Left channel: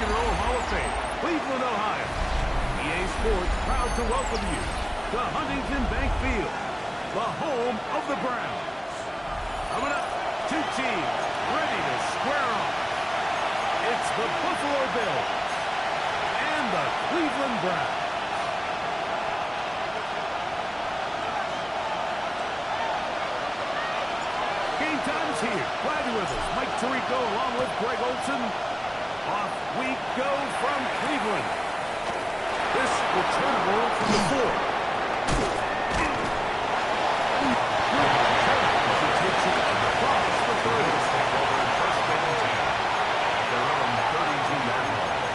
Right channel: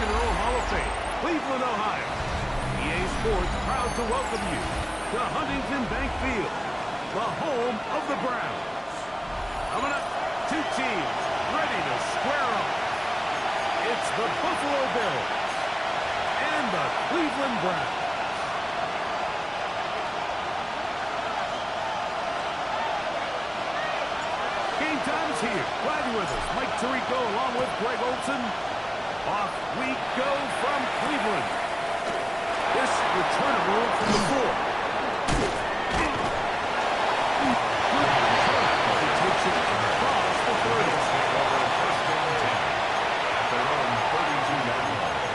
and Roll Hall of Fame, Cleveland, Ohio. EA Sports proud to welcome you to Huntington Bank Field, the home of the Browns. Coming up, two teams ready to square off. It's the Buffalo Bills and the Cleveland Browns. Game time is here. Glad you're with us. Mike Tirico along with Greg Olson. Off we go from Cleveland. This returnable from the 4. Good return as he takes it across the 30. Take over first and 10 at their own 32-yard line.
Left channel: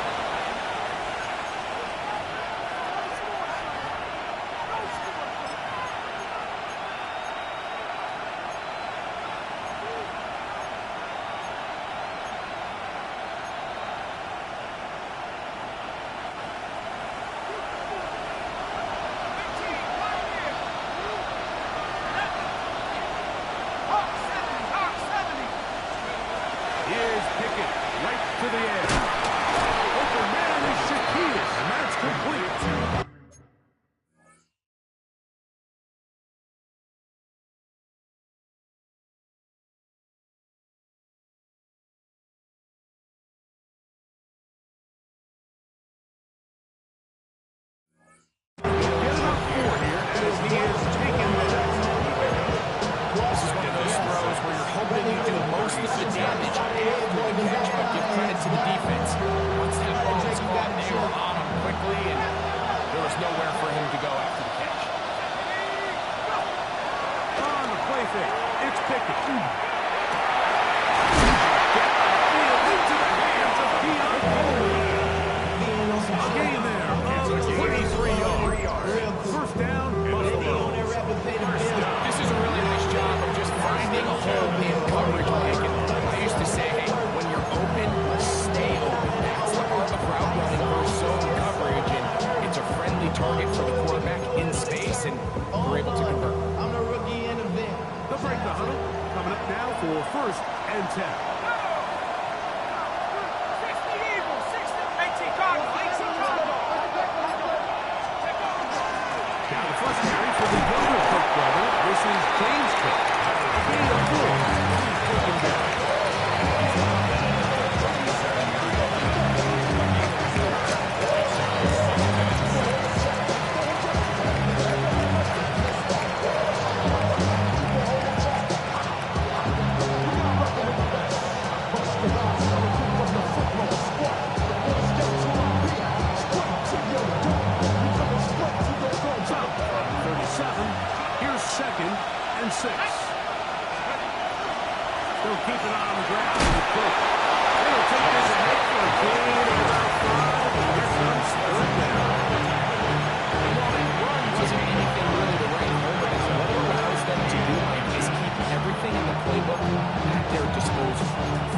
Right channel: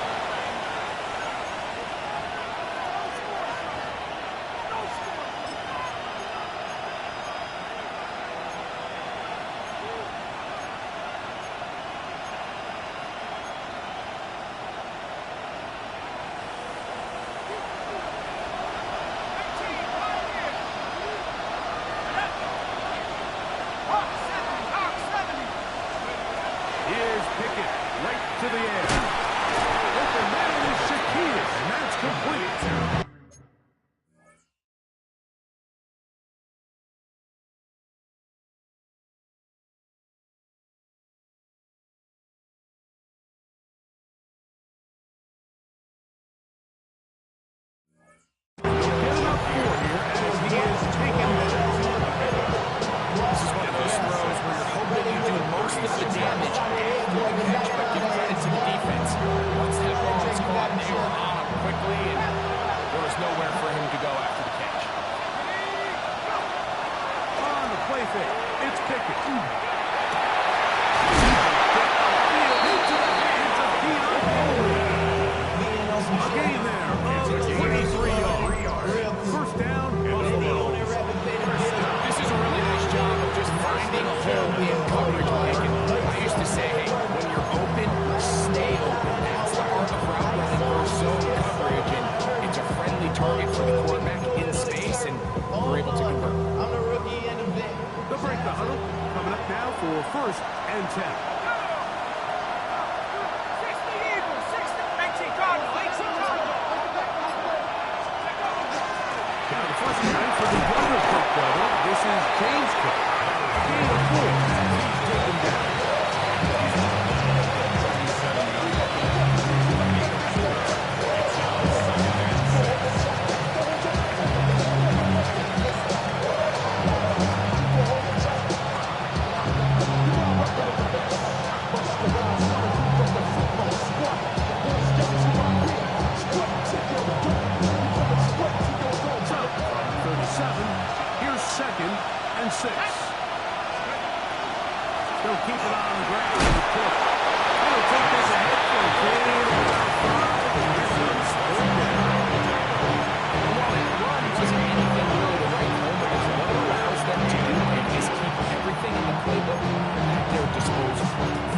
Here's Pickett, right to the air. Open man is Shakir, and that's complete. Get him up 4 here as he is taken there. This is one of those throws where you're hoping you do most of the damage after the catch, but give credit to the defense. Once that ball was caught, they were on him quickly, and there was nowhere for him to go after the catch. On the play fake, it's Pickett. Get upfield into the hands of Keon Coleman. A gain there of 23 yards. First down, Buffalo. This is a really nice job of just finding a hole in coverage, Mike. And I used to say, hey, when you're open, stay open. That's the art of route running versus zone coverage, and it's a friendly target for the quarterback in space, and we're able to convert. I'm the rookie and the vet. They'll break the huddle. Coming up now for first and 10. 18 Cardinal, 18 Cardinal. Now the first carry for the younger Cook brother. This is James Cook. A gain of 4. He's taken down. From 37, here's second and 6. They'll keep it on the ground with Cook. They'll take this ahead for a gain of about 5. And here comes third down. And while that run wasn't anything really to write home about, what it allows them to do is keep everything in the playbook at their disposal.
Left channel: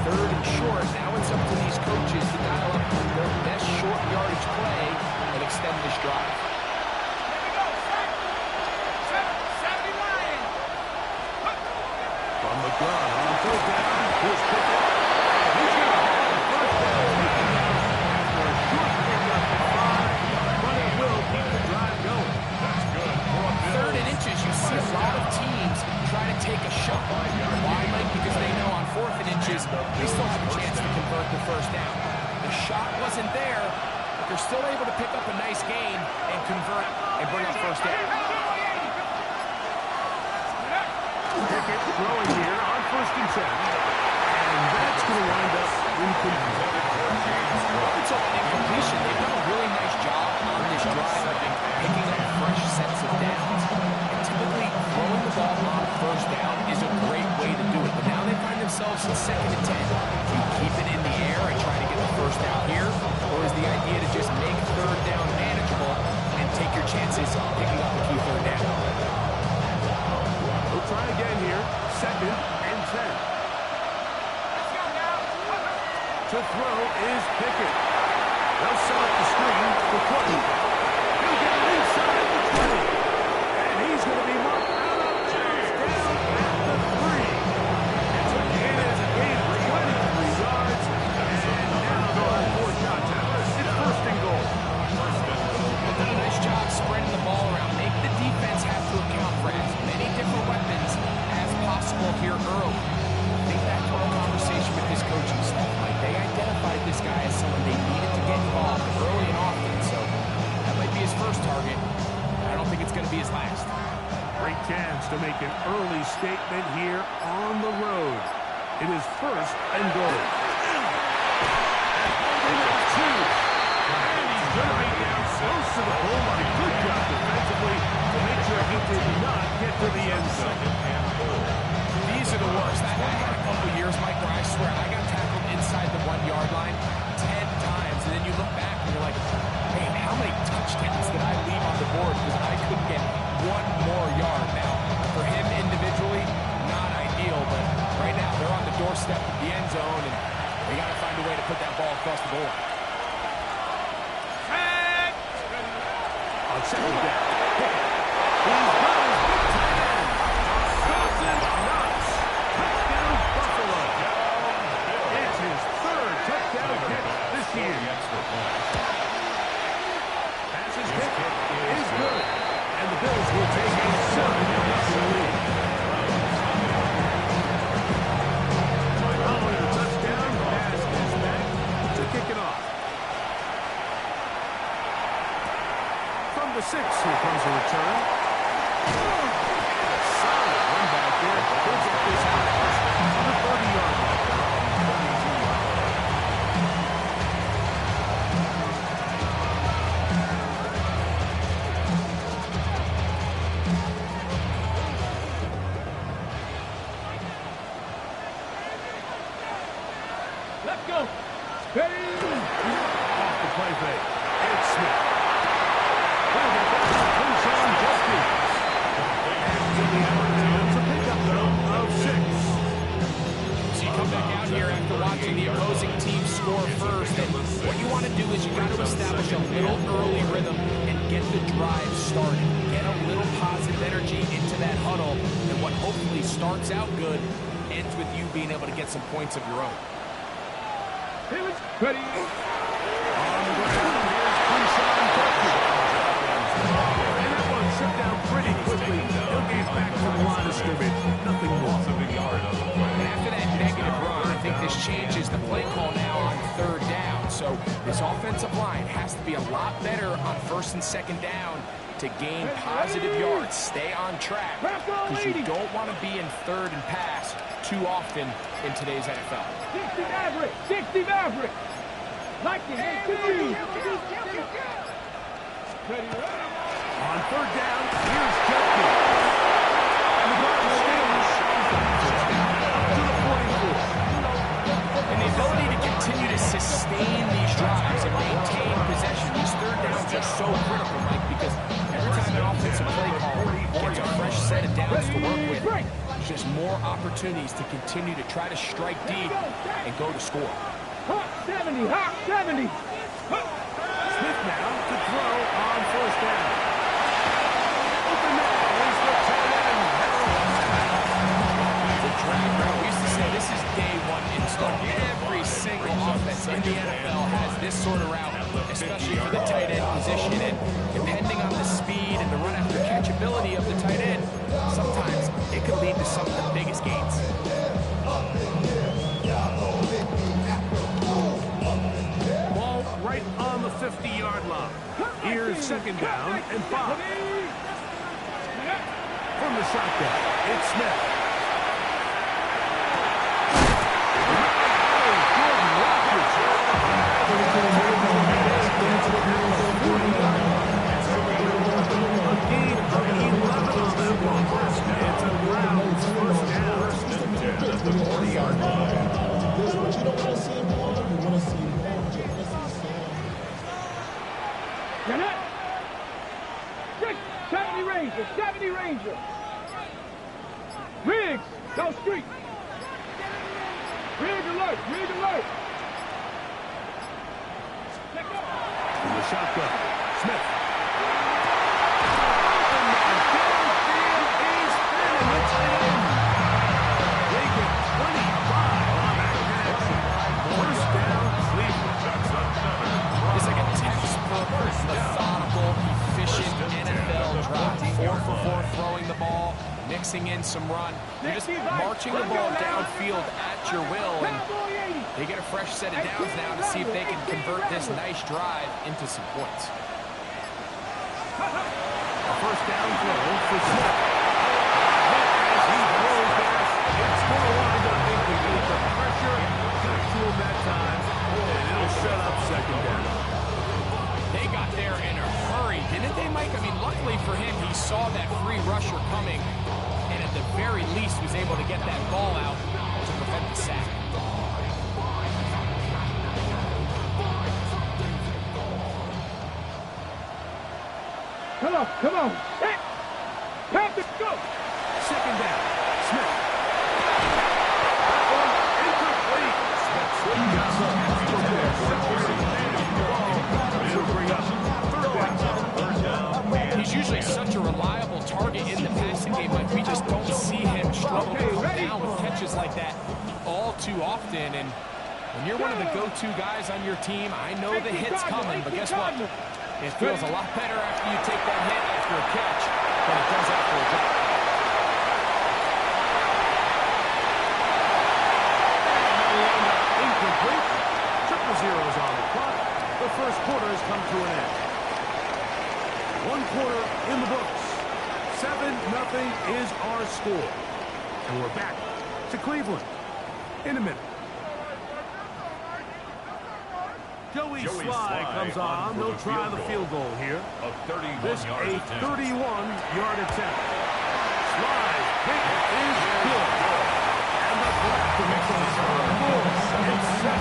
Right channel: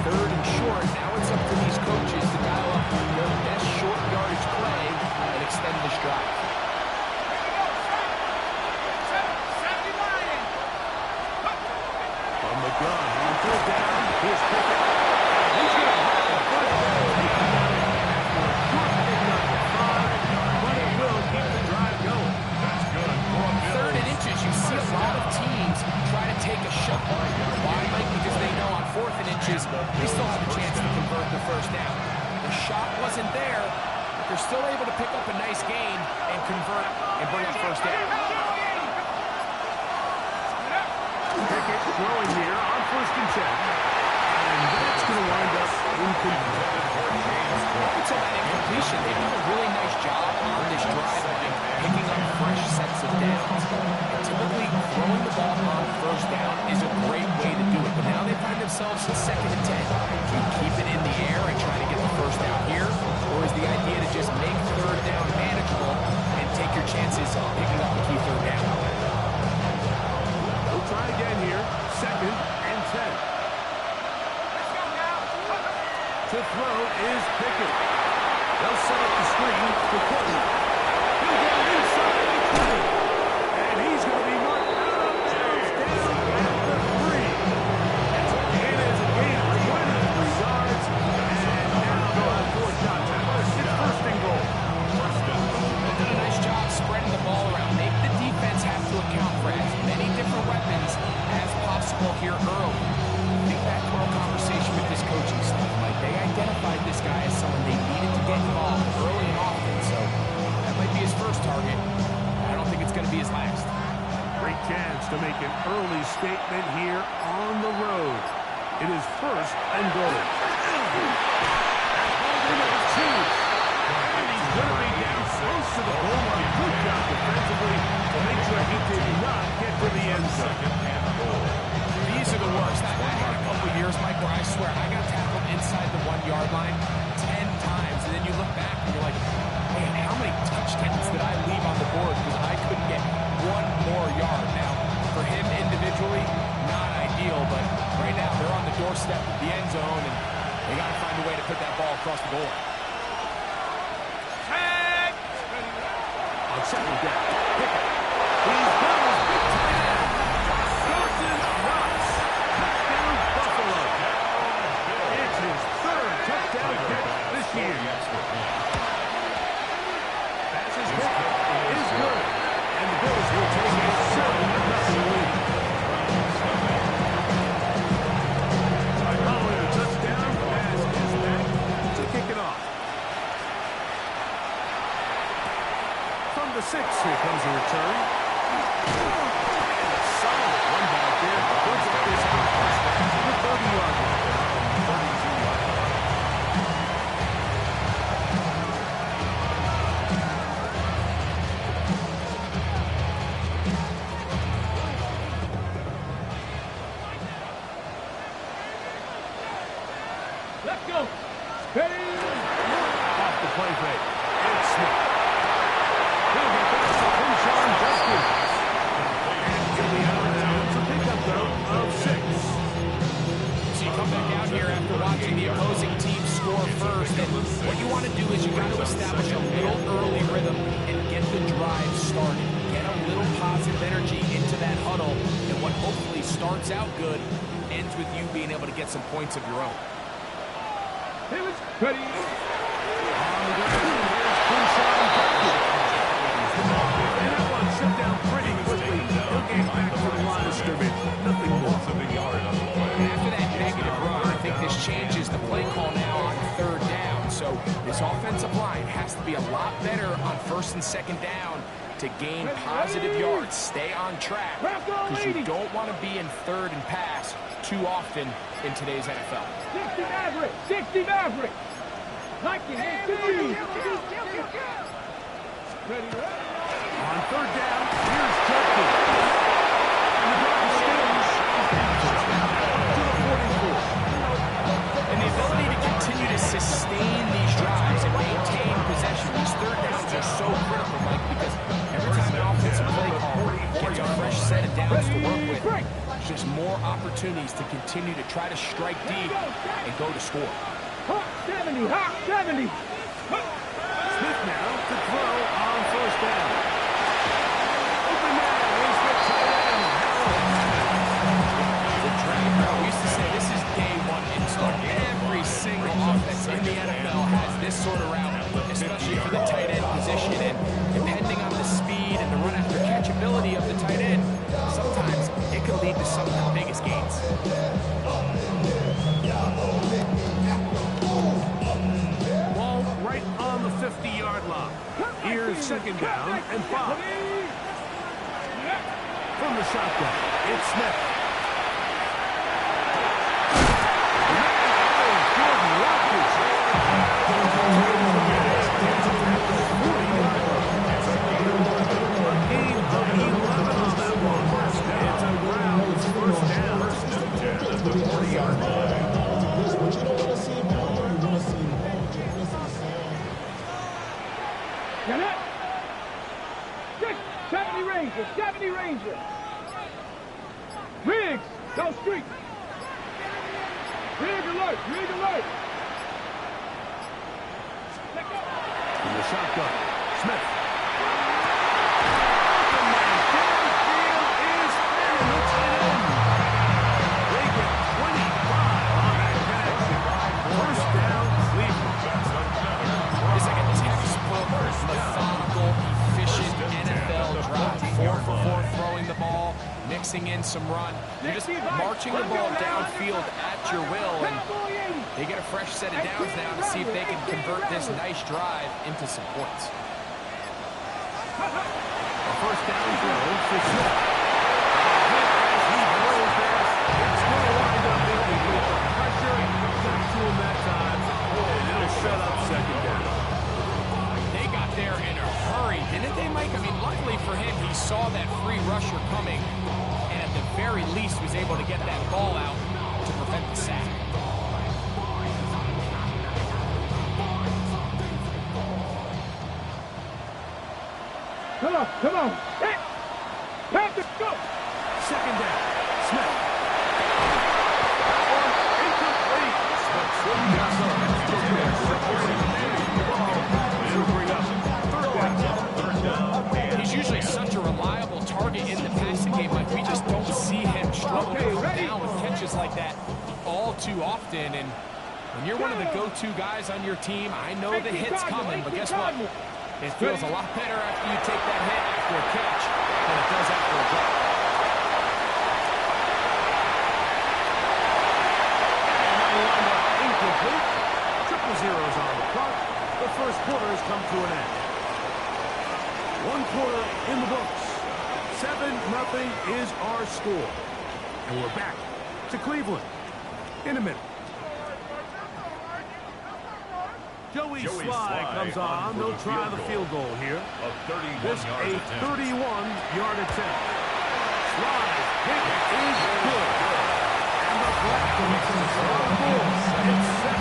Third and short, now it's up to these coaches to dial up their best short yardage play and extend this drive. From the gun on third down, here's Pickett. And he's going to have the first down taken down after a short pickup at 5. But it will keep the drive going. That's good. Third and inches, you see a lot of teams try to take a shot. Why, Mike? Because they know on 4th and inches, they still have a chance to convert the first down. The shot wasn't there, but they're still able to pick up a nice gain and convert and bring up first down. Pickett throwing here on first and 10. And that's going to wind up incomplete. Up until an incompletion, they've done a really nice job on this drive of picking up fresh sets of downs. And typically, throwing the ball on first down is a great way to do it. But now they find themselves in second and 10. Do you keep it in the air and try to get the first down here? Or is the idea to just make third down manageable and take your chances picking up the key third down? We'll try again here. Second and 10. To throw is Pickett. They'll set up the screen for Courtney. He'll get it inside the 20. And he's going to be marked out of bounds down at the 3. It is a gain of 23 yards. And now they'll have 4 shots many different weapons as possible here early. Think back to our conversation with this coaching staff, Mike. They identified this guy as someone they needed to get involved early and often, so that might be his first target. I don't think it's going to be his last. Great chance to make an early statement here on the road. It is first and goal. And holding number 2. And he's going to be down close to the goal line. Good job defensively to make sure he did not get to the end zone. Second and goal. These are the worst. I had a couple years, Mike, where I swear I got tackled inside the 1-yard line 10 times, and then you look back and you're like, man, how many touchdowns did I leave on the board because I couldn't get one more yard? Now, for him individually, not ideal, but right now they're on the doorstep of the end zone, and they got to find a way to put that ball across the goal line. On second down, Pickett. He's got his big tight end. Dawson Knox. Touchdown, Buffalo. It's his 3rd touchdown catch this year. Pass is kick is good. And the Bills will take a 7-0 lead. Following a touchdown, pass is back to kick it off. From the 6, here comes a return. And a solid run back there. We'll get this out to the 30-yard line. Let's go. Off the play fake. It's Smith. He'll get back to Quinshon Judkins. And to the out of bounds, a pickup, though, of 6. So you come back out here after watching the opposing team score first, and what you want to do is you got to establish a little early rhythm and get the drive started. Get a little positive energy into that huddle, and what hopefully starts out good ends with you being able to get some points of your own. Ready. On the ground, here's Quinshon Judkins. And that one shut down pretty quickly. He'll get back to the line of scrimmage. Nothing more. And after that negative run, I think this changes the play call now on 3rd down. So this offensive line has to be a lot better on 1st and 2nd down to gain positive yards. Stay on track because you don't want to be in 3rd and pass too often in today's NFL. 60 Maverick. 60 Maverick. Like it. Ready. On 3rd down, here's Judkins. And the drive stays. First down, up to the 44. And the ability to continue to sustain these drives and maintain possession, these 3rd downs are so critical, Mike, because every time an offensive play call gets a fresh set of downs to work with, there's just more opportunities to continue to try to strike deep and go to score. Hot 70. Hot 70. Smith now to throw on 1st down. Open man is the tight end, Harold. The drag route, we used to say this is day 1 install. Every single offense in the NFL has this sort of route, especially for the tight end position. And depending on the speed and the run after catch ability of the tight end, sometimes it could lead to some of the biggest gains. Ball right on the 50-yard line. Here's 2nd down and 5. From the shotgun, it's Smith. Jordan Rodgers. A gain of 11 on that one. It's a Browns 1st down. At the 40-yard line. But you don't want to see him all. You want to see him all. Get it. 70 Ranger. 70 Ranger. Riggs. Go street. Rig alert. Rig alert. Let go. From the shotgun, Smith. Open man downfield is spinning the tight end. They get 25 on that connection. 1st down, Cleveland. That's another. It's like a textbook, methodical, efficient NFL drive. 4 for 4 throwing the ball, mixing in some run. You're just marching the ball downfield at your will, and they get a fresh set of downs now to see if they can convert this nice drive into some points. A first down throw for Smith. Hit as he throws there. It's going to wind up incomplete. The pressure got to him that time, and it'll set up second down. They got there in a hurry, didn't they, Mike? I mean, luckily for him, he saw that free rusher coming, and at the very least was able to get that ball out to prevent the sack. Come on. Hey, Panther, go. Second down. Smith. That one incomplete. Smith swings out there. Separating the ball. It'll bring up third down. He's usually such a reliable target in the passing game. Like, we just don't see him struggle to come down with catches like that all too often. And when you're one of the go-to guys on your team, I know the hit's coming, but guess what? It feels a lot better after you take that hit after a catch than it does after a drop. And that will wind up incomplete. Triple zeros on the clock. The first quarter has come to an end. One quarter in the books. 7-0 is our score. And we're back to Cleveland in a minute. Joey Sly comes on. They'll try the field goal here. This a 31-yard attempt. Sly's kick is good. And the Blackhawks on the board. It's 7-3.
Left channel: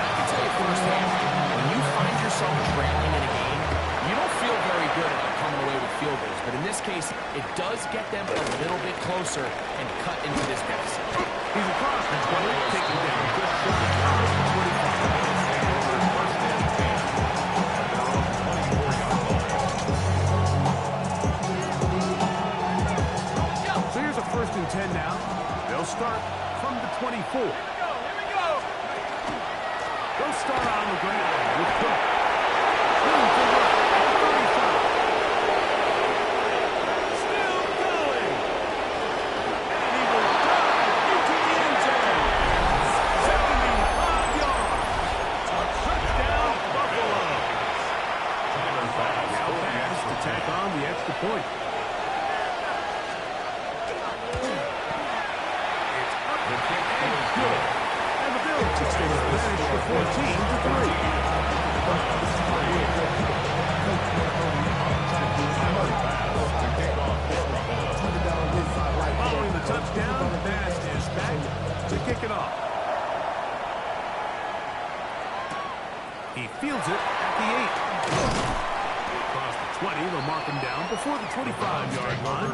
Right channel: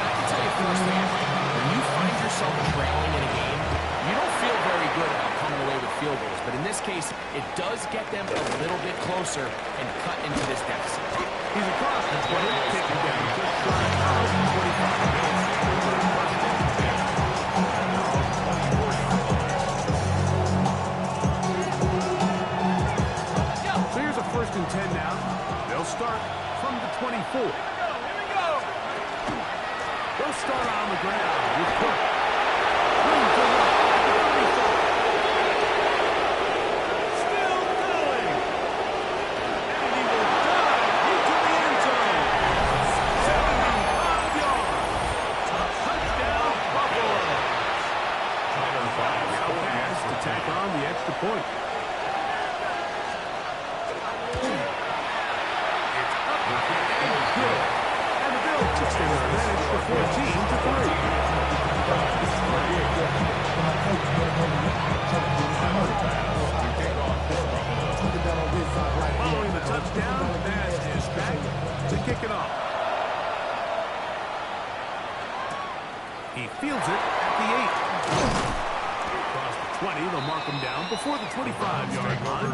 I can tell you firsthand, when you find yourself trailing in a game, you don't feel very good about coming away with field goals. But in this case, it does get them a little bit closer and cut into this deficit. He's across the 20, taking down just shy of the 25. First and 10. And they're on the 24-yard line. So here's a first and 10 now. They'll start from the 24. Here we go. They'll start on the ground with Cook. Room to run at the 35. Still going. And he will dive into the end zone. 75 yards. Touchdown, Buffalo. Now pass to tack on the extra point. It's up and good. And the Bills extend their advantage to 14-3. Following the touchdown, Baz is back to kick it off. He fields it at the 8. Across the 20, they'll mark him down before the 25-yard line.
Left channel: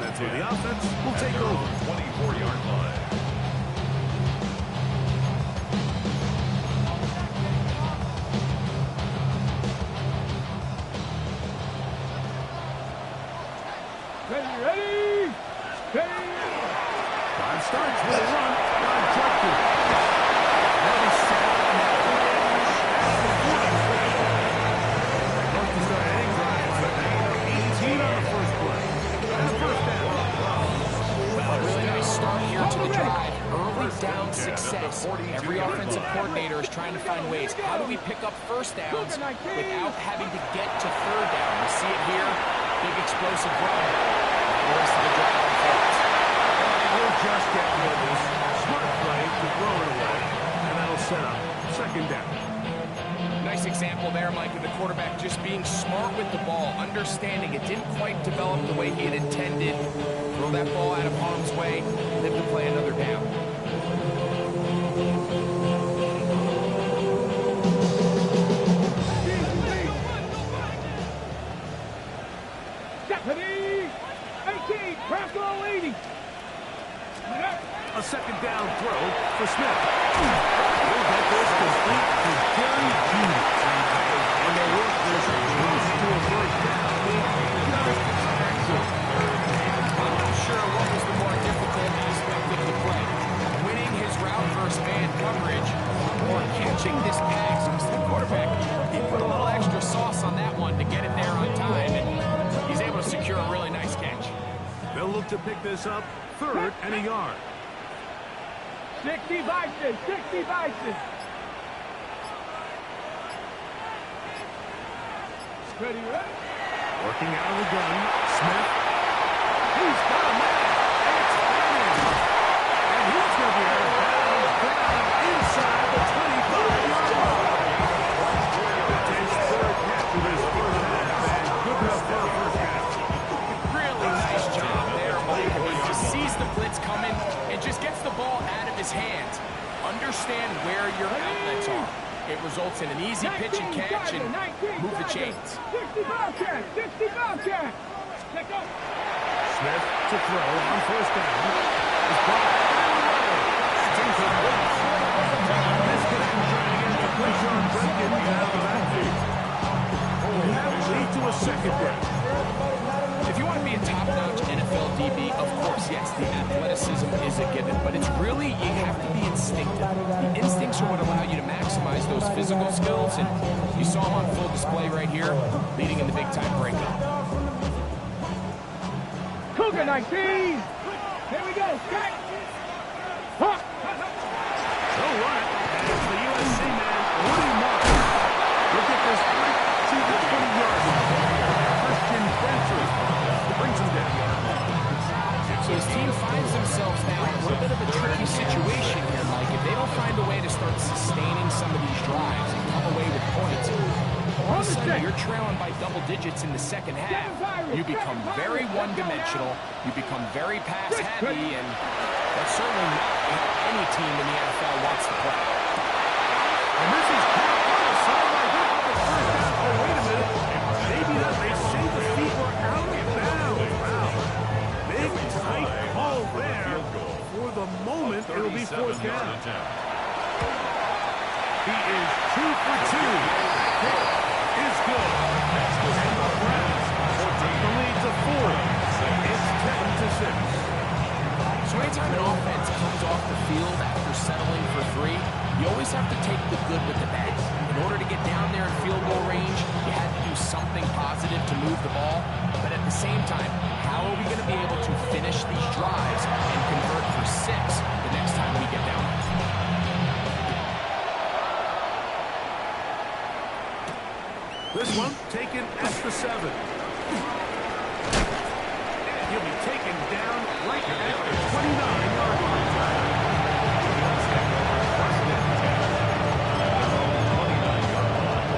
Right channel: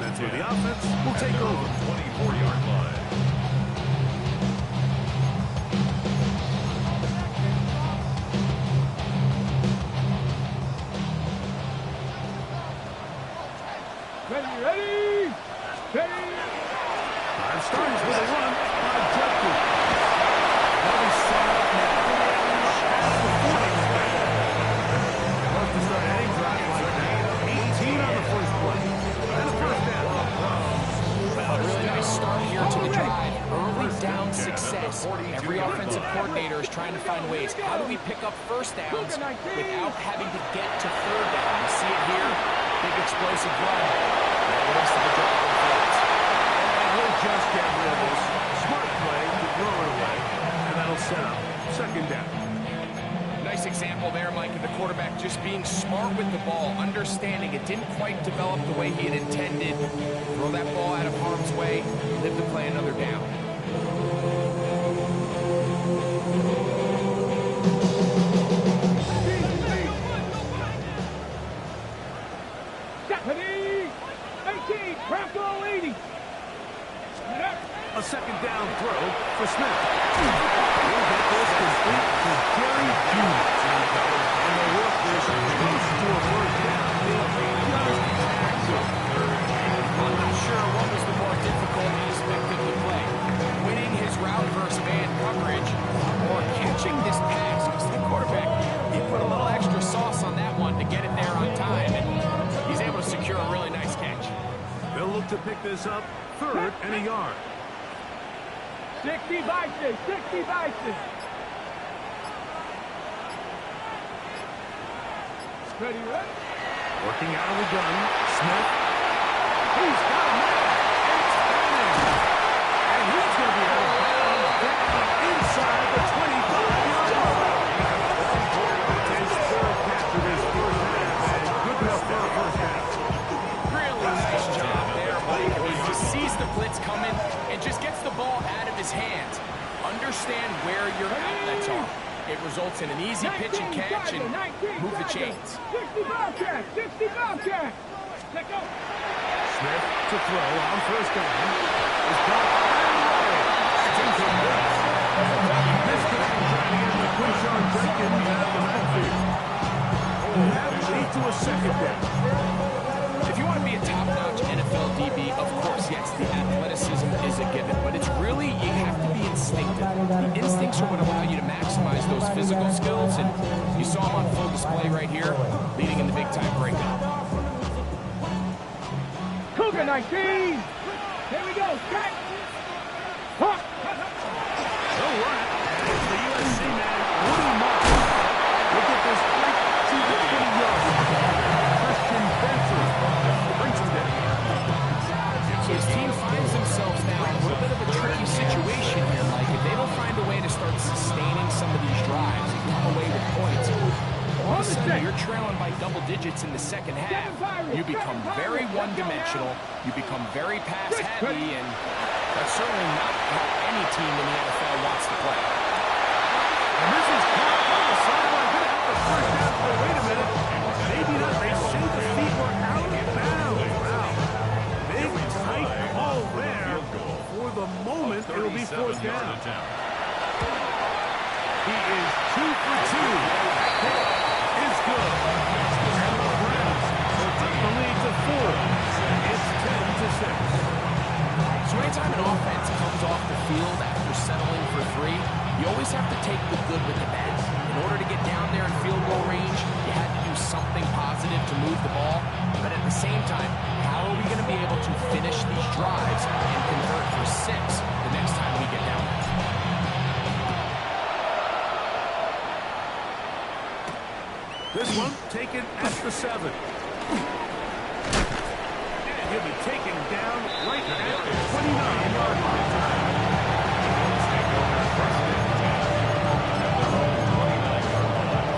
That's where the offense will take over. 24-yard line. Ready. Drive starts with a run by Judkins. They'll be set up now. At the 40. Love to start any drive like that. 18 on the first play. And a first down. A really nice start here to the drive. Early down success. Every offensive coordinator is trying to find ways. How do we pick up first downs without having to get to third down? You see it here. Big explosive run. Now the rest of the drive unfolds. And he'll just get rid of this. Smart play to throw it away. And that'll set up second down. Nice example there, Mike, of the quarterback just being smart with the ball, understanding it didn't quite develop the way he had intended. Throw that ball out of harm's way, live to play another down. Stephanie, 18, Bronco 80. A second down throw for Smith. He'll get this complete to Jerry Jeudy. And they'll work this close to a first down. I'm not sure what was the more difficult aspect of the play. Winning his route versus man coverage or catching this pass. Because the quarterback, he put a little extra sauce on that one to get it there on time. And he's able to secure a really nice catch. They'll look to pick this up 3rd and a yard. 60 vices, 60 vices. Ready, ready. Working out of the gun, Smith. He's got a man. It's Bannon. And he's going to be out of bounds down inside the 25-yard line. That's his 3rd catch of his first half, and good enough for a first down. Really nice job there, Mike. I mean, he sees the blitz coming and just gets the ball out of his hands. Understand where your outlets are. It results in an easy pitch and catch and move the chains. 65 catch, 65 catch. Take up. Smith to throw on first down. Is caught away. That's incomplete. Misconnect trying to get the push on Jenkins out of the backfield. That will lead to a second down. If you want to be a top-notch NFL DB, of course, yes, the athleticism is a given, but it's really, you have to be instinctive. The instincts are what allow you to maximize those physical skills, and you saw him on full display right here, leading in the big-time breakup. Cougar 19. Here we go. Strike. They'll run it, and it's the USC man, Woody Marks. Look at this break to the 20-yard line. Christian Benson brings him down. So his team finds themselves now in a little bit of a tricky situation here, Mike. If they don't find a way to start sustaining some of these drives and come away with points, all of a sudden you're trailing by double digits in the second half. You become very one-dimensional. You become very pass-heavy, and that's certainly not how any team in the NFL wants to play. And this is caught on the sideline. Going to have the first down. Oh, wait a minute. Maybe not. They say the feet were out of bounds. Wow. Big, tight ball there. For the moment, it'll be fourth down. He is 2 for 2. That kick is good. And the Browns take the lead to 4. It's 10-6. So anytime an offense comes off the field after settling for 3, you always have to take the good with the bad. In order to get down there in field goal range, you had to do something positive to move the ball. But at the same time, how are we going to be able to finish these drives and convert for 6 the next time we get down there? This one taken at the 7. And he'll be taken down right at the 29-yard line. Take over first and 10 at their own 29-yard line.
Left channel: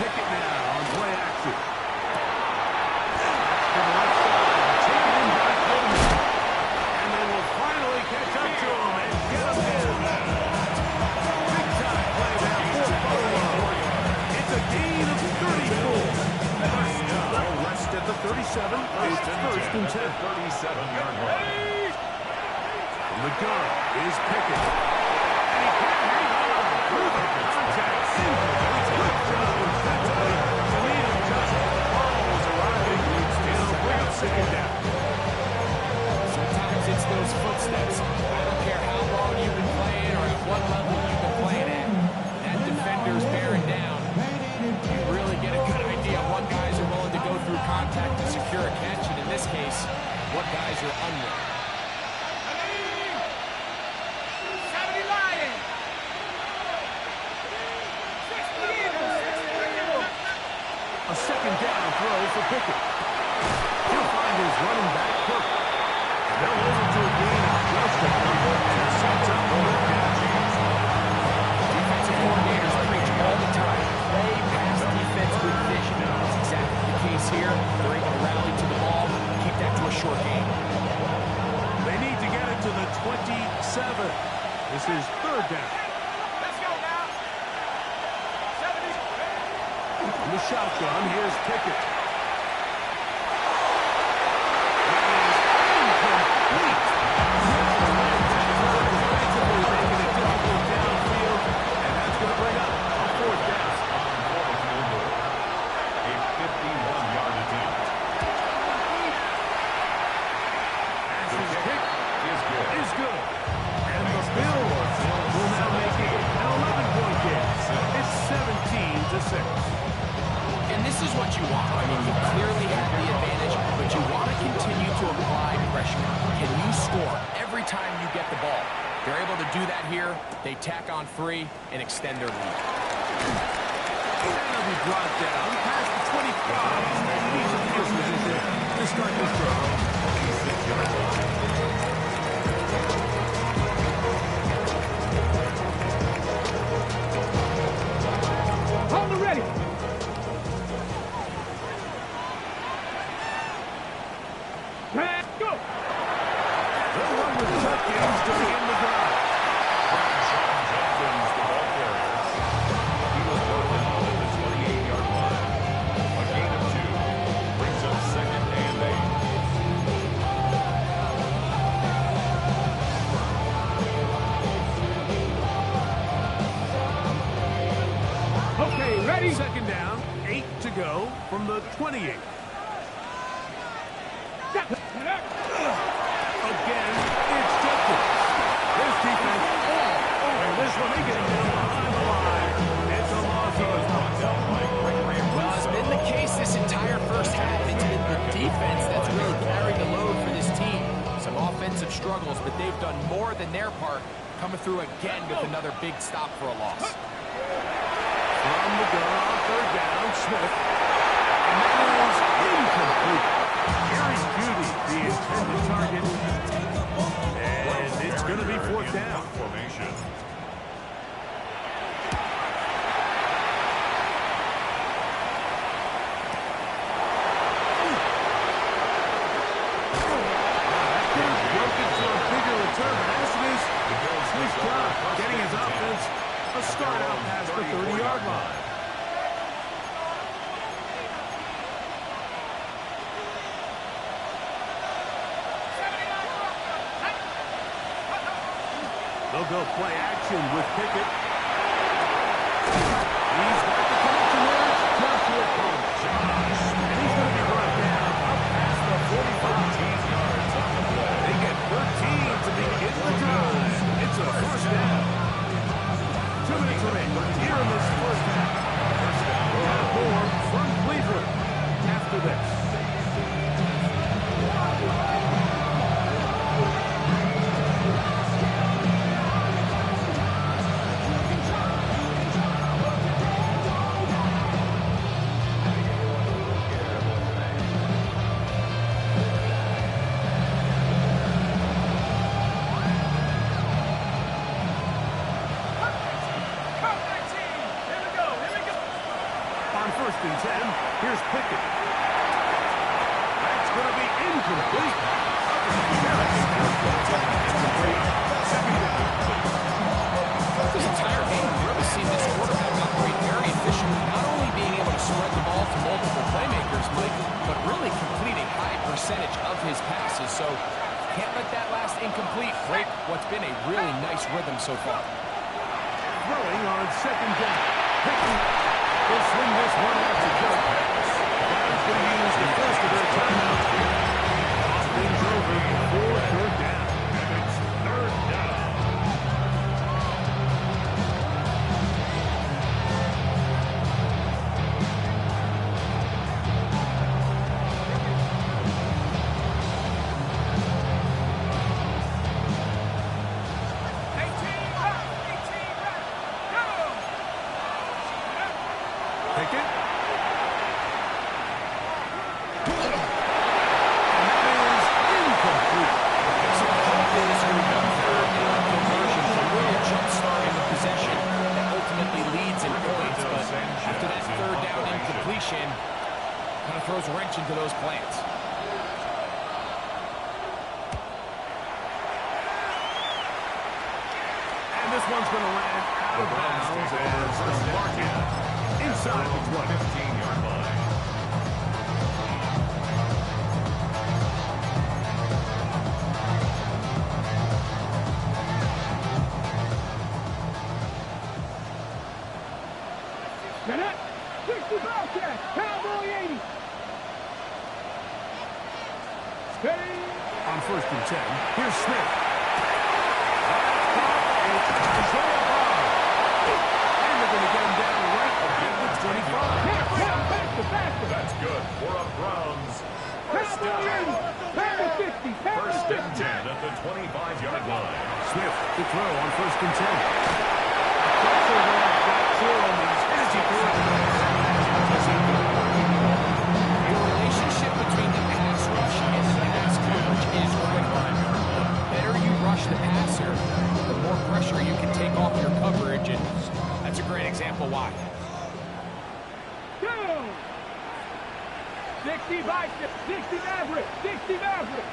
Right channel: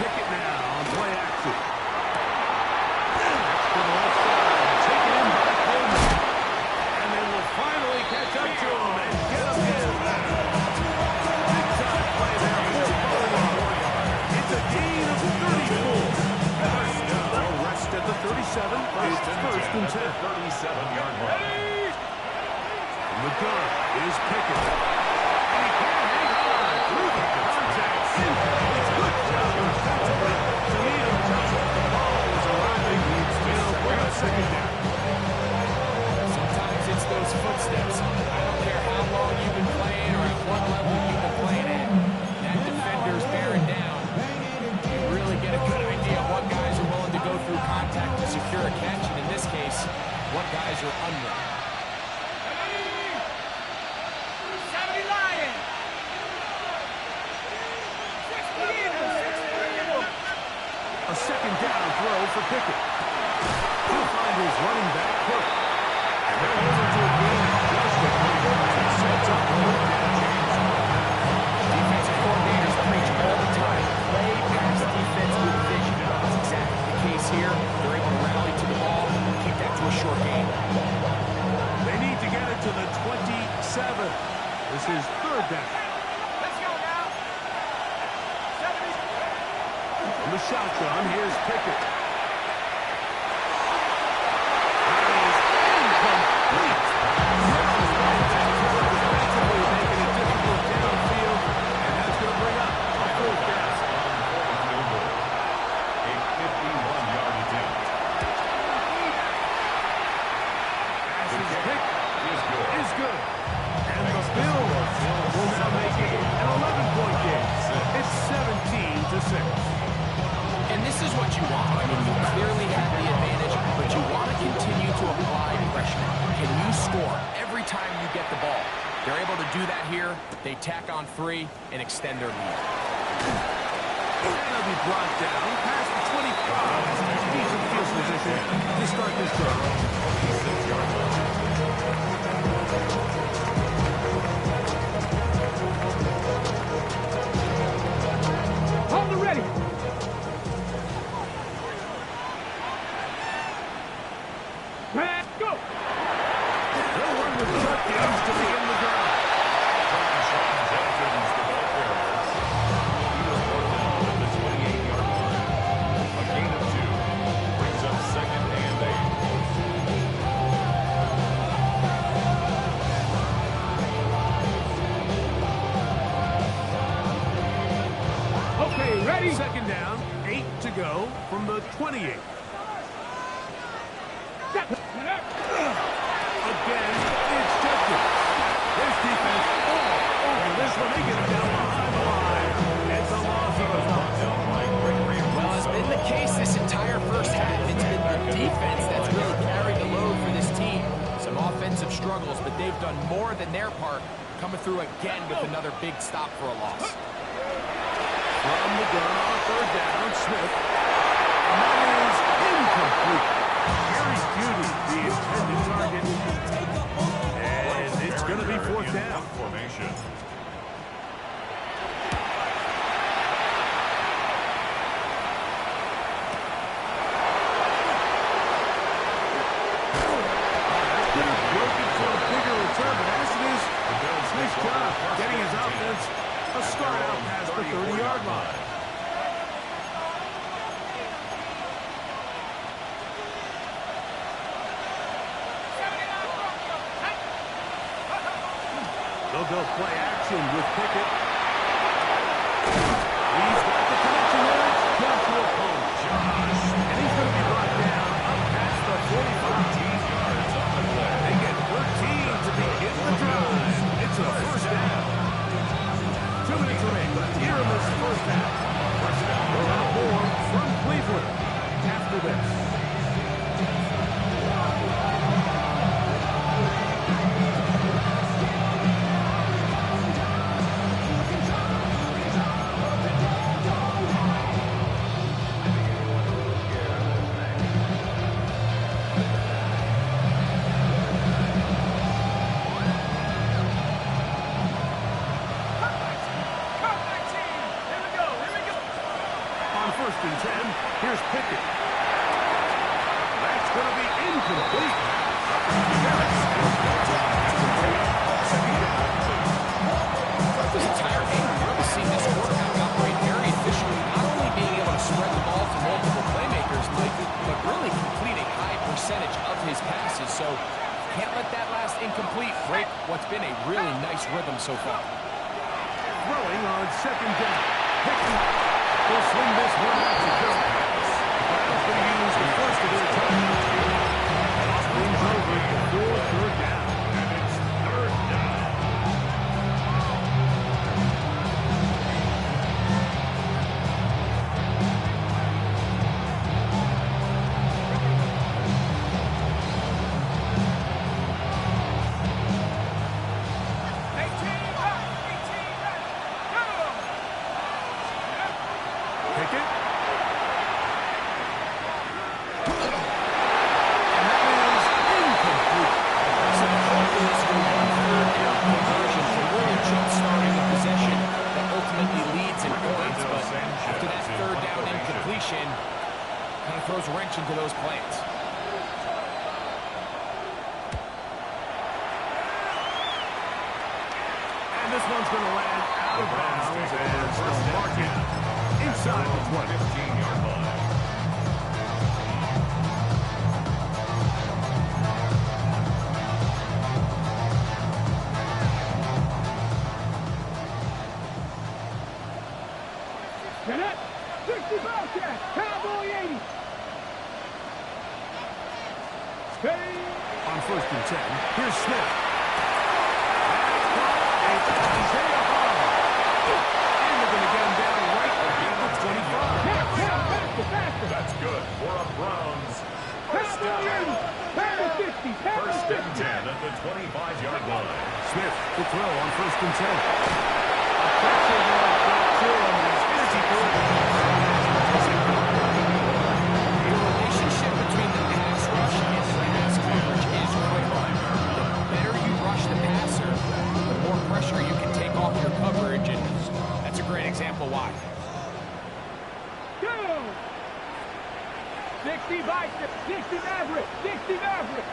Pickett now on play action. That's to the left side. Taken in by Coleman. And they will finally catch up to him and get him in. Big time play there for Buffalo. It's a gain of 34. They'll rest at the 37. It's first and 10. 37-yard line. From the gun is Pickett. And he can't hang on through the contact. Incomplete. Good job defensively to meet him just as the ball was arriving. It'll bring up second down. Sometimes it's those footsteps. I don't care how long you've been playing or at what level you've been playing at. That defender's bearing down. You really get a good idea of what guys are willing to go through contact to secure a catch, and in this case, what guys are unwilling. 70 Lions. A second down throw for Pickett. He'll find his running back, Cook. And they'll over to a gain of just a couple, and it sets up a third down. Defensive coordinators preach all the time. Play pass defense with vision. That's exactly the case here. They're able to rally to the ball, keep that to a short game. They need to get it to the 27. This is third down. Let's go now. 70. From the shotgun, here's Pickett. That is incomplete. Defensively making it difficult downfield, and that's going to bring up a fourth down. For a field goal. A every time you get the ball. They're able to do that here. They tack on 3 and extend their lead. And he'll be brought down past the 25. Decent field position to start this drive. 26-yard line. Hold it ready. Man, go. They'll run with Judkins to begin the drive. Sean Judkins, the ball carrier. He was brought down at the 28-yard line. A gain of 2 brings up 2nd and 8. Okay, ready? 2nd down, 8 to go from the 28. Again, it's Judkins. This defense all over this one. They get him down behind the line. It's a loss of a touchdown. Well, it's been the case this entire first half. It's been the defense that's really carried the load for this team. Some offensive struggles, but they've done more than their part, coming through again with another big stop for a loss. From the gun on 3rd down, Smith. And that is incomplete. Gary Judy, the intended target. And it's going to be 4th down. Formation. That could have broken for a bigger return, but as it is, nice job getting his offense a start out past the 30-yard line. They'll go play action with Pickett. He's got the connection there. It's Joshua Palmer. And he's going to be brought down up past the 45. 13 yards on the play. They get 13 to begin the drive. It's a 1st down. 2 minutes remaining here in this first half. First down. We'll have more from Cleveland after this. On 1st and 10, here's Pickett. That's going to be incomplete. This entire game, we've really seen this quarterback operate very efficiently, not only being able to spread the ball to multiple playmakers, Mike, but really complete a high percentage of his passes. So can't let that last incomplete break what's been a really nice rhythm so far. Throwing on 2nd down. Pickett will swing this one out to Joe Pass. Browns going to use the first of their timeouts here. Toss things over for 3rd down. And it's 3rd down. Pickett. And that is incomplete. So the hope is your 1/3 down conversion from really jump-starting the possession that ultimately leads in points. But after that 3rd down incompletion, kind of throws a wrench into those plans. And this one's going to land out of bounds as they'll mark it inside the 20. 15-yard line. Cadet, 60 Bobcat, Cowboy 80. Steady. On 1st and 10, here's Smith. That's caught. It's Isaiah Bond. And they're going to get him down right at the 25. Faster. That's good for a Browns first Cowboy down. 80, Power 50. First and 10 at the 25-yard line. Smith to throw on 1st and 10. Pressure like that, too, on these energy The relationship between the pass rush and the pass coverage is critical. The better you rush the passer, the more pressure you can take off your coverage, and that's a great example why. Go! 60 Vikings, 60 Mavericks, 60 Mavericks.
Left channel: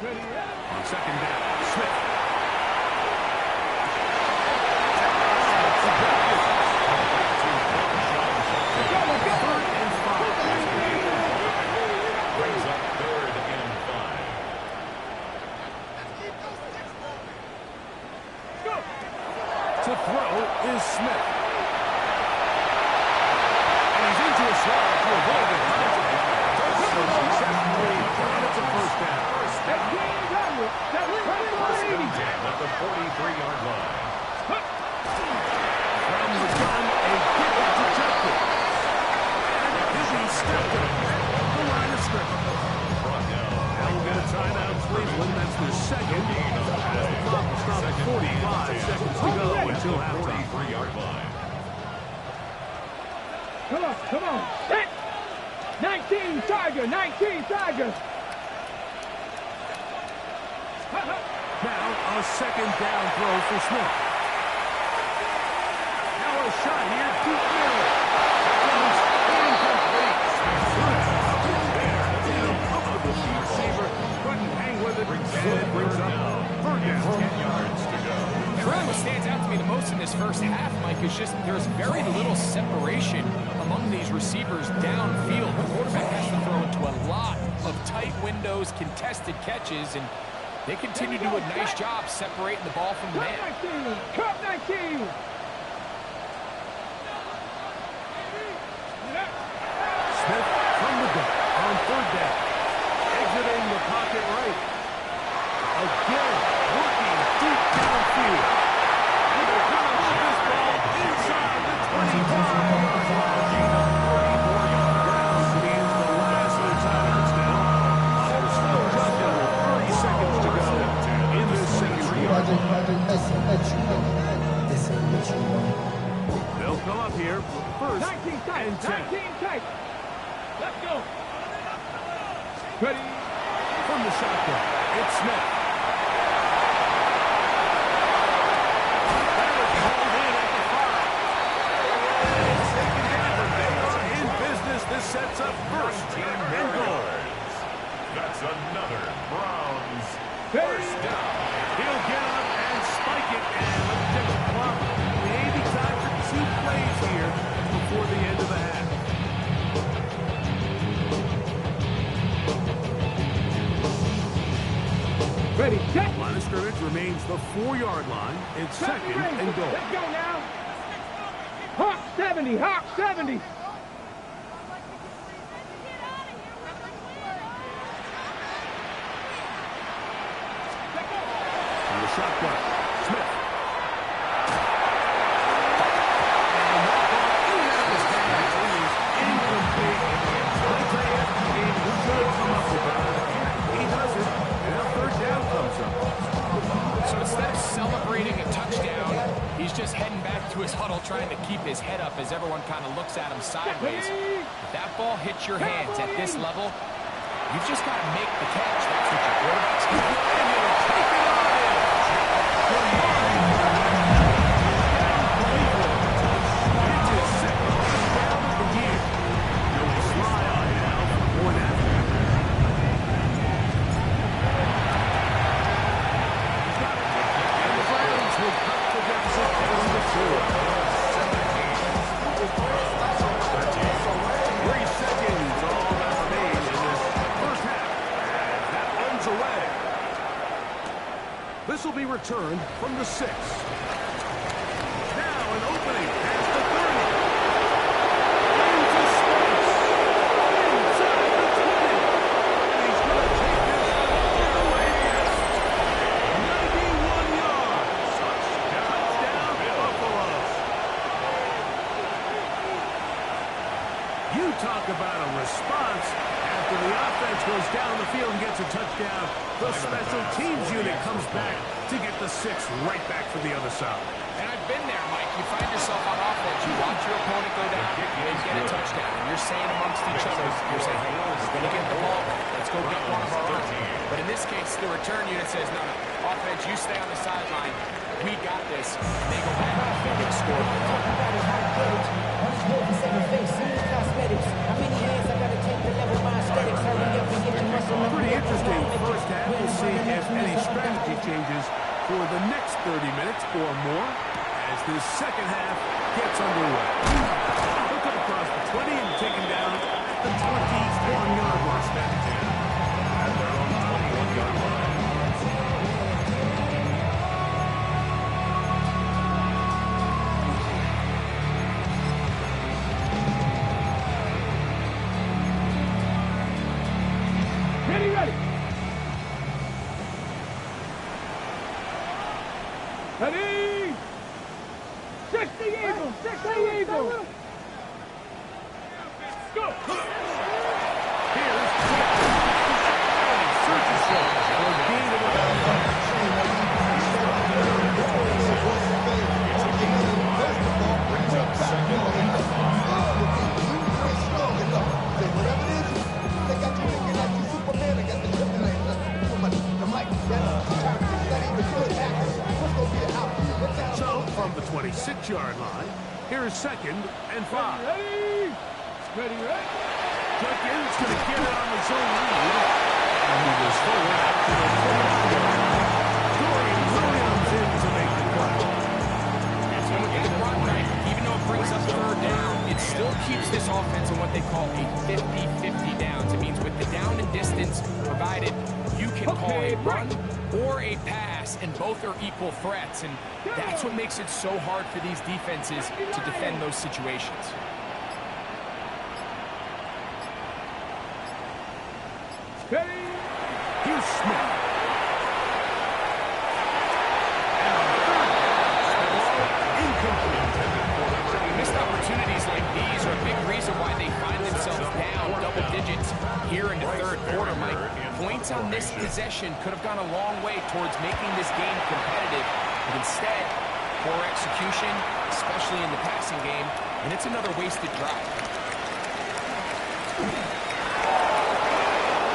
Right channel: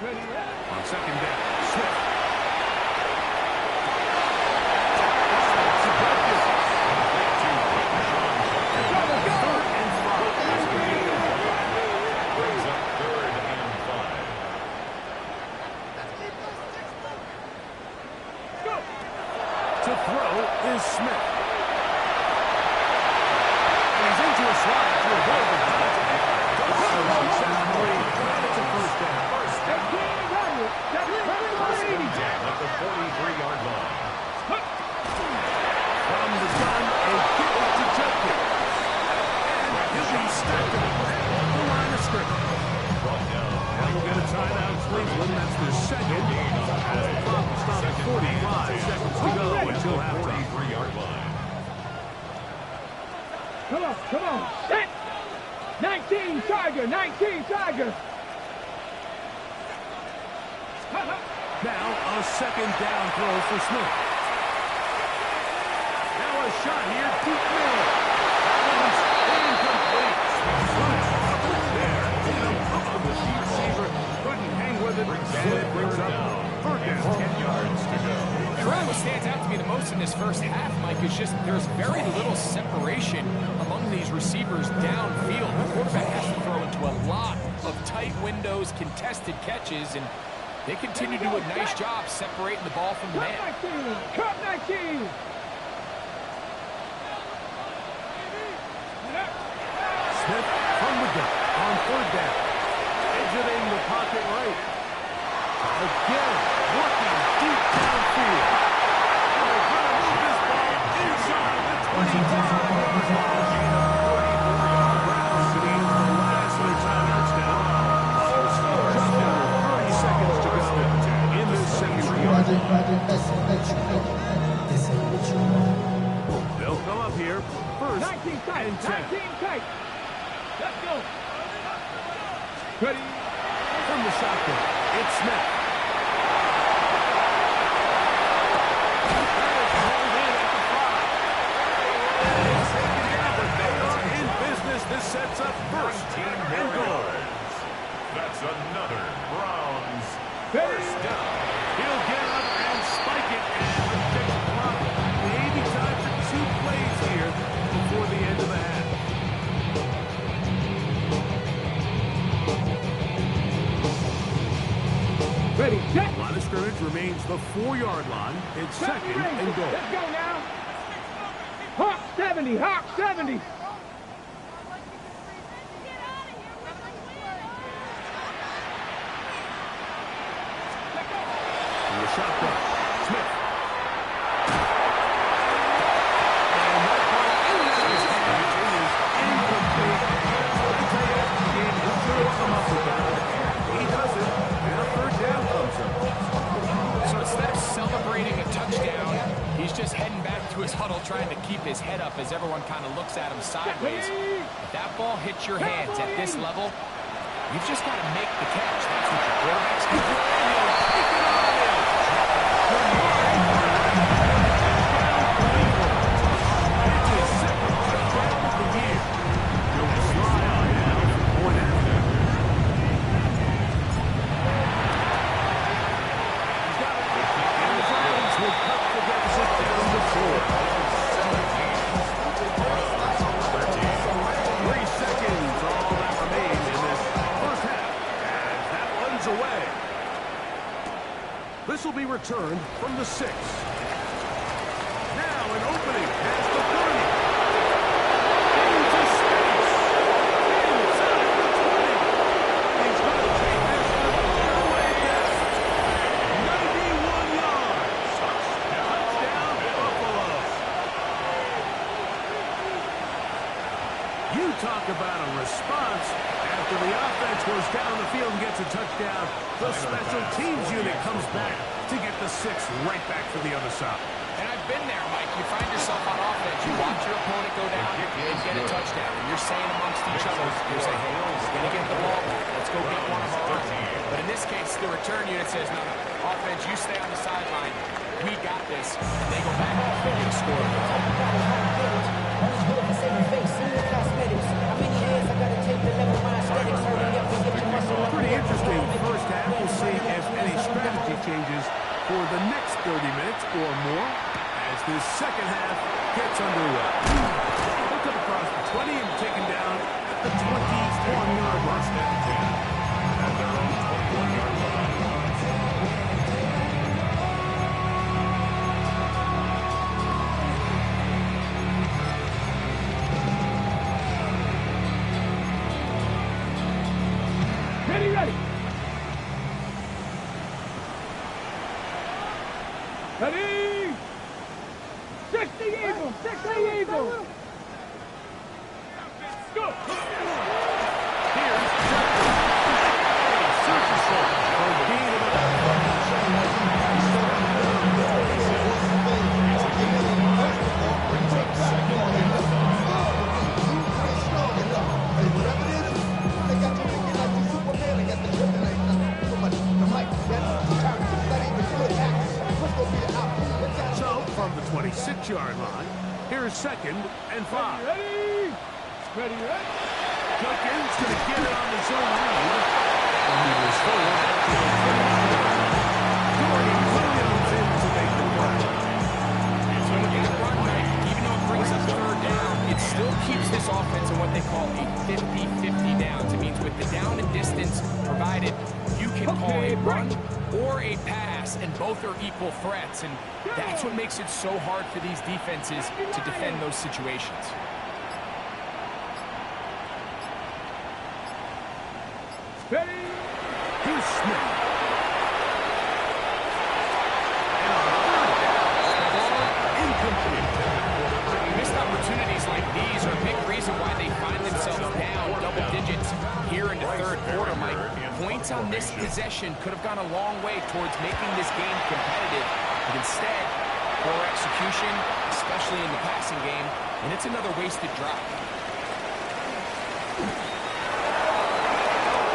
Ready, on 2nd down. Smith. Let's go! 3rd and 5. Brings up 3rd and 5. Go! To throw is Smith. And he's into a slide to avoid the contact. Does so successfully, and it's a 1st down. Hey, King, Governor, First and 10 10 at the 43-yard line. From the gun, a give to Judkins. And he'll be stepped up at the line of scrimmage. Brought down. Now we'll get a timeout, Cleveland. That's their second. Gain on the As the clock will stop at 45 seconds to go until halftime. 43-yard line. Come on, set! 19 Tiger, 19 Tiger. Now a 2nd down throw for Smith. Now a shot here, deep middle. That one's incomplete. Good coverage there. The receiver couldn't hang with it. And it brings up 3rd down. 10 yards to go. And really what stands out to me the most in this first half, Mike, is just there's very little separation among these receivers downfield. The quarterback has to throw into a lot of tight windows, contested catches, and they continue to do a nice job separating the ball from the man. Cup 19. Smith from the gun on 3rd down. Exiting the pocket right. Again, working deep downfield. And they're going to move this ball inside the 25-yard line. Gain of 34 yards. Browns to the end of the last of their timeouts now. Just under 30 seconds to go in this second quarter. They'll come up here. 1st 19 tight, and 10. 19 tight. Let's go. Ready? From the shotgun, it's Smith. That is called in at the 5. And it's taken down, but they are in business. This sets up 1st and goal. That's another Browns Ready? 1st down. He'll get up and spike it, and let's check the clock. Maybe time for 2 plays here before the end of the half. Ready, set. Line of scrimmage remains the 4-yard line. It's 2nd and goal. Let's go now. Hawk 70, Hawk 70. From the shotgun, Smith. And that ball in and out of his hands. It is incomplete. I tell you, after the game, he could come up with that. He doesn't. And a 3rd down comes up. So instead of celebrating a touchdown, he's just heading back to his huddle trying to keep his head up as everyone kind of looks at him sideways. If that ball hits your hands at this level, you've just got to make the catch. That's what your quarterback's doing. And he'll take it on in. Down Cleveland. It's his 2nd touchdown of the year. He'll fly on now for point after. He's got it. And the Browns will cut the deficit down to 4. 3 seconds, all that remains in this first half. As that runs away. This will be returned from the 6. Now an opening past the 30. Into space. Inside the 20. And he's going to take this one all the way down. 91 yards. Touchdown Buffalo. You talk about a response. After the offense goes down the field and gets a touchdown, the special teams unit comes back to get the 6 right back for the other side. And I've been there, Mike. You find yourself on offense. You watch your opponent go down and get a touchdown. And you're saying amongst each other, you're saying, hey, we're going to get the ball back. Let's go get one of our own. But in this case, the return unit says, no, offense, you stay on the sideline. We got this. And they go back and they score. Pretty interesting first half. We'll see if any strategy changes for the next 30 minutes or more as this second half gets underway. He'll come across the 20 and taken down at the 21-yard line. First and 10 at their own 21-yard line. Ready, ready. Ready. 60 Eagles, 60 Eagles. Go. Here's Jefferson. And he searches for a gain of about It's a gain of 5. Brings up second and 5. Whatever it is, they got you thinking like you Superman. They got the kryptonite. The mic, that's not even good actors. What's going to be the outcome? So, from the 26-yard line, here's second and 5. Ready. Ready, ready. Judkins going to get it on the zone read. And he was forward out to the 29-yard line. Dorian Williams in to make the play. And with that run, Mike, even though it brings up third down, it still keeps this offense in what they call a 50-50 downs. It means with the down and distance provided, you can call a run or a pass, and both are equal threats. And that's what makes it so hard for these defenses to defend those situations. Ready. Here's Smith. And on third down, ball incomplete. Missed opportunities like these are a big reason why they find themselves down double digits here in the third quarter, Mike. Points on this possession could have gone a long way towards making this game competitive, but instead, poor execution, especially in the passing game, and it's another wasted drive.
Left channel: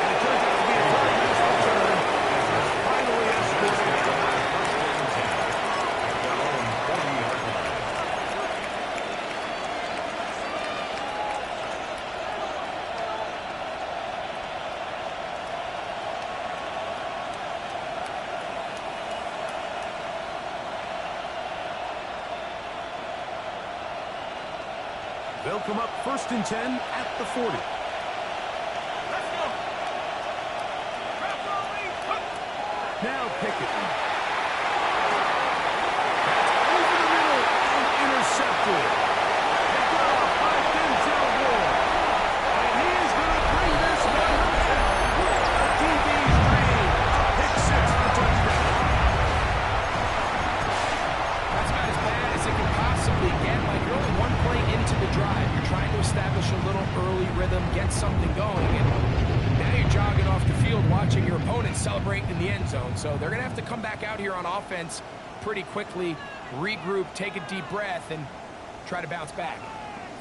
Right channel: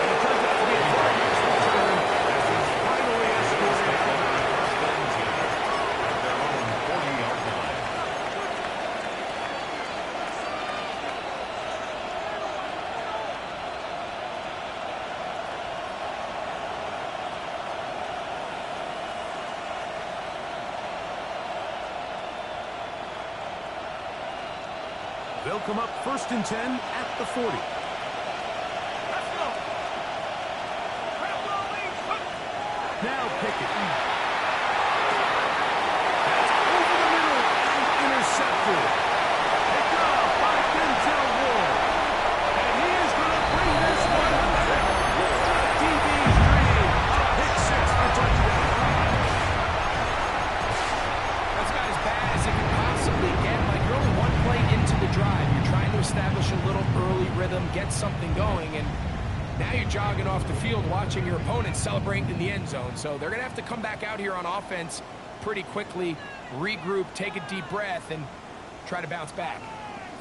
And it turns out to be a very nice return as it's finally escorted out of the First and 10 at their own 40-yard line. They'll come up first and 10 at the 40. Let's go. Now Pickett. That's over the middle and intercepted. Picked off by Denzel Ward. And he is going to bring this one home. A DB's dream. A pick 6 for touchdown. That's about as bad as it can possibly get. Like, you're only one play into the drive. You're trying to establish a little early rhythm, get something going, and now you're jogging off the field watching your opponent celebrate in the end zone. So they're going to have to come back out here on offense pretty quickly, regroup, take a deep breath, and try to bounce back.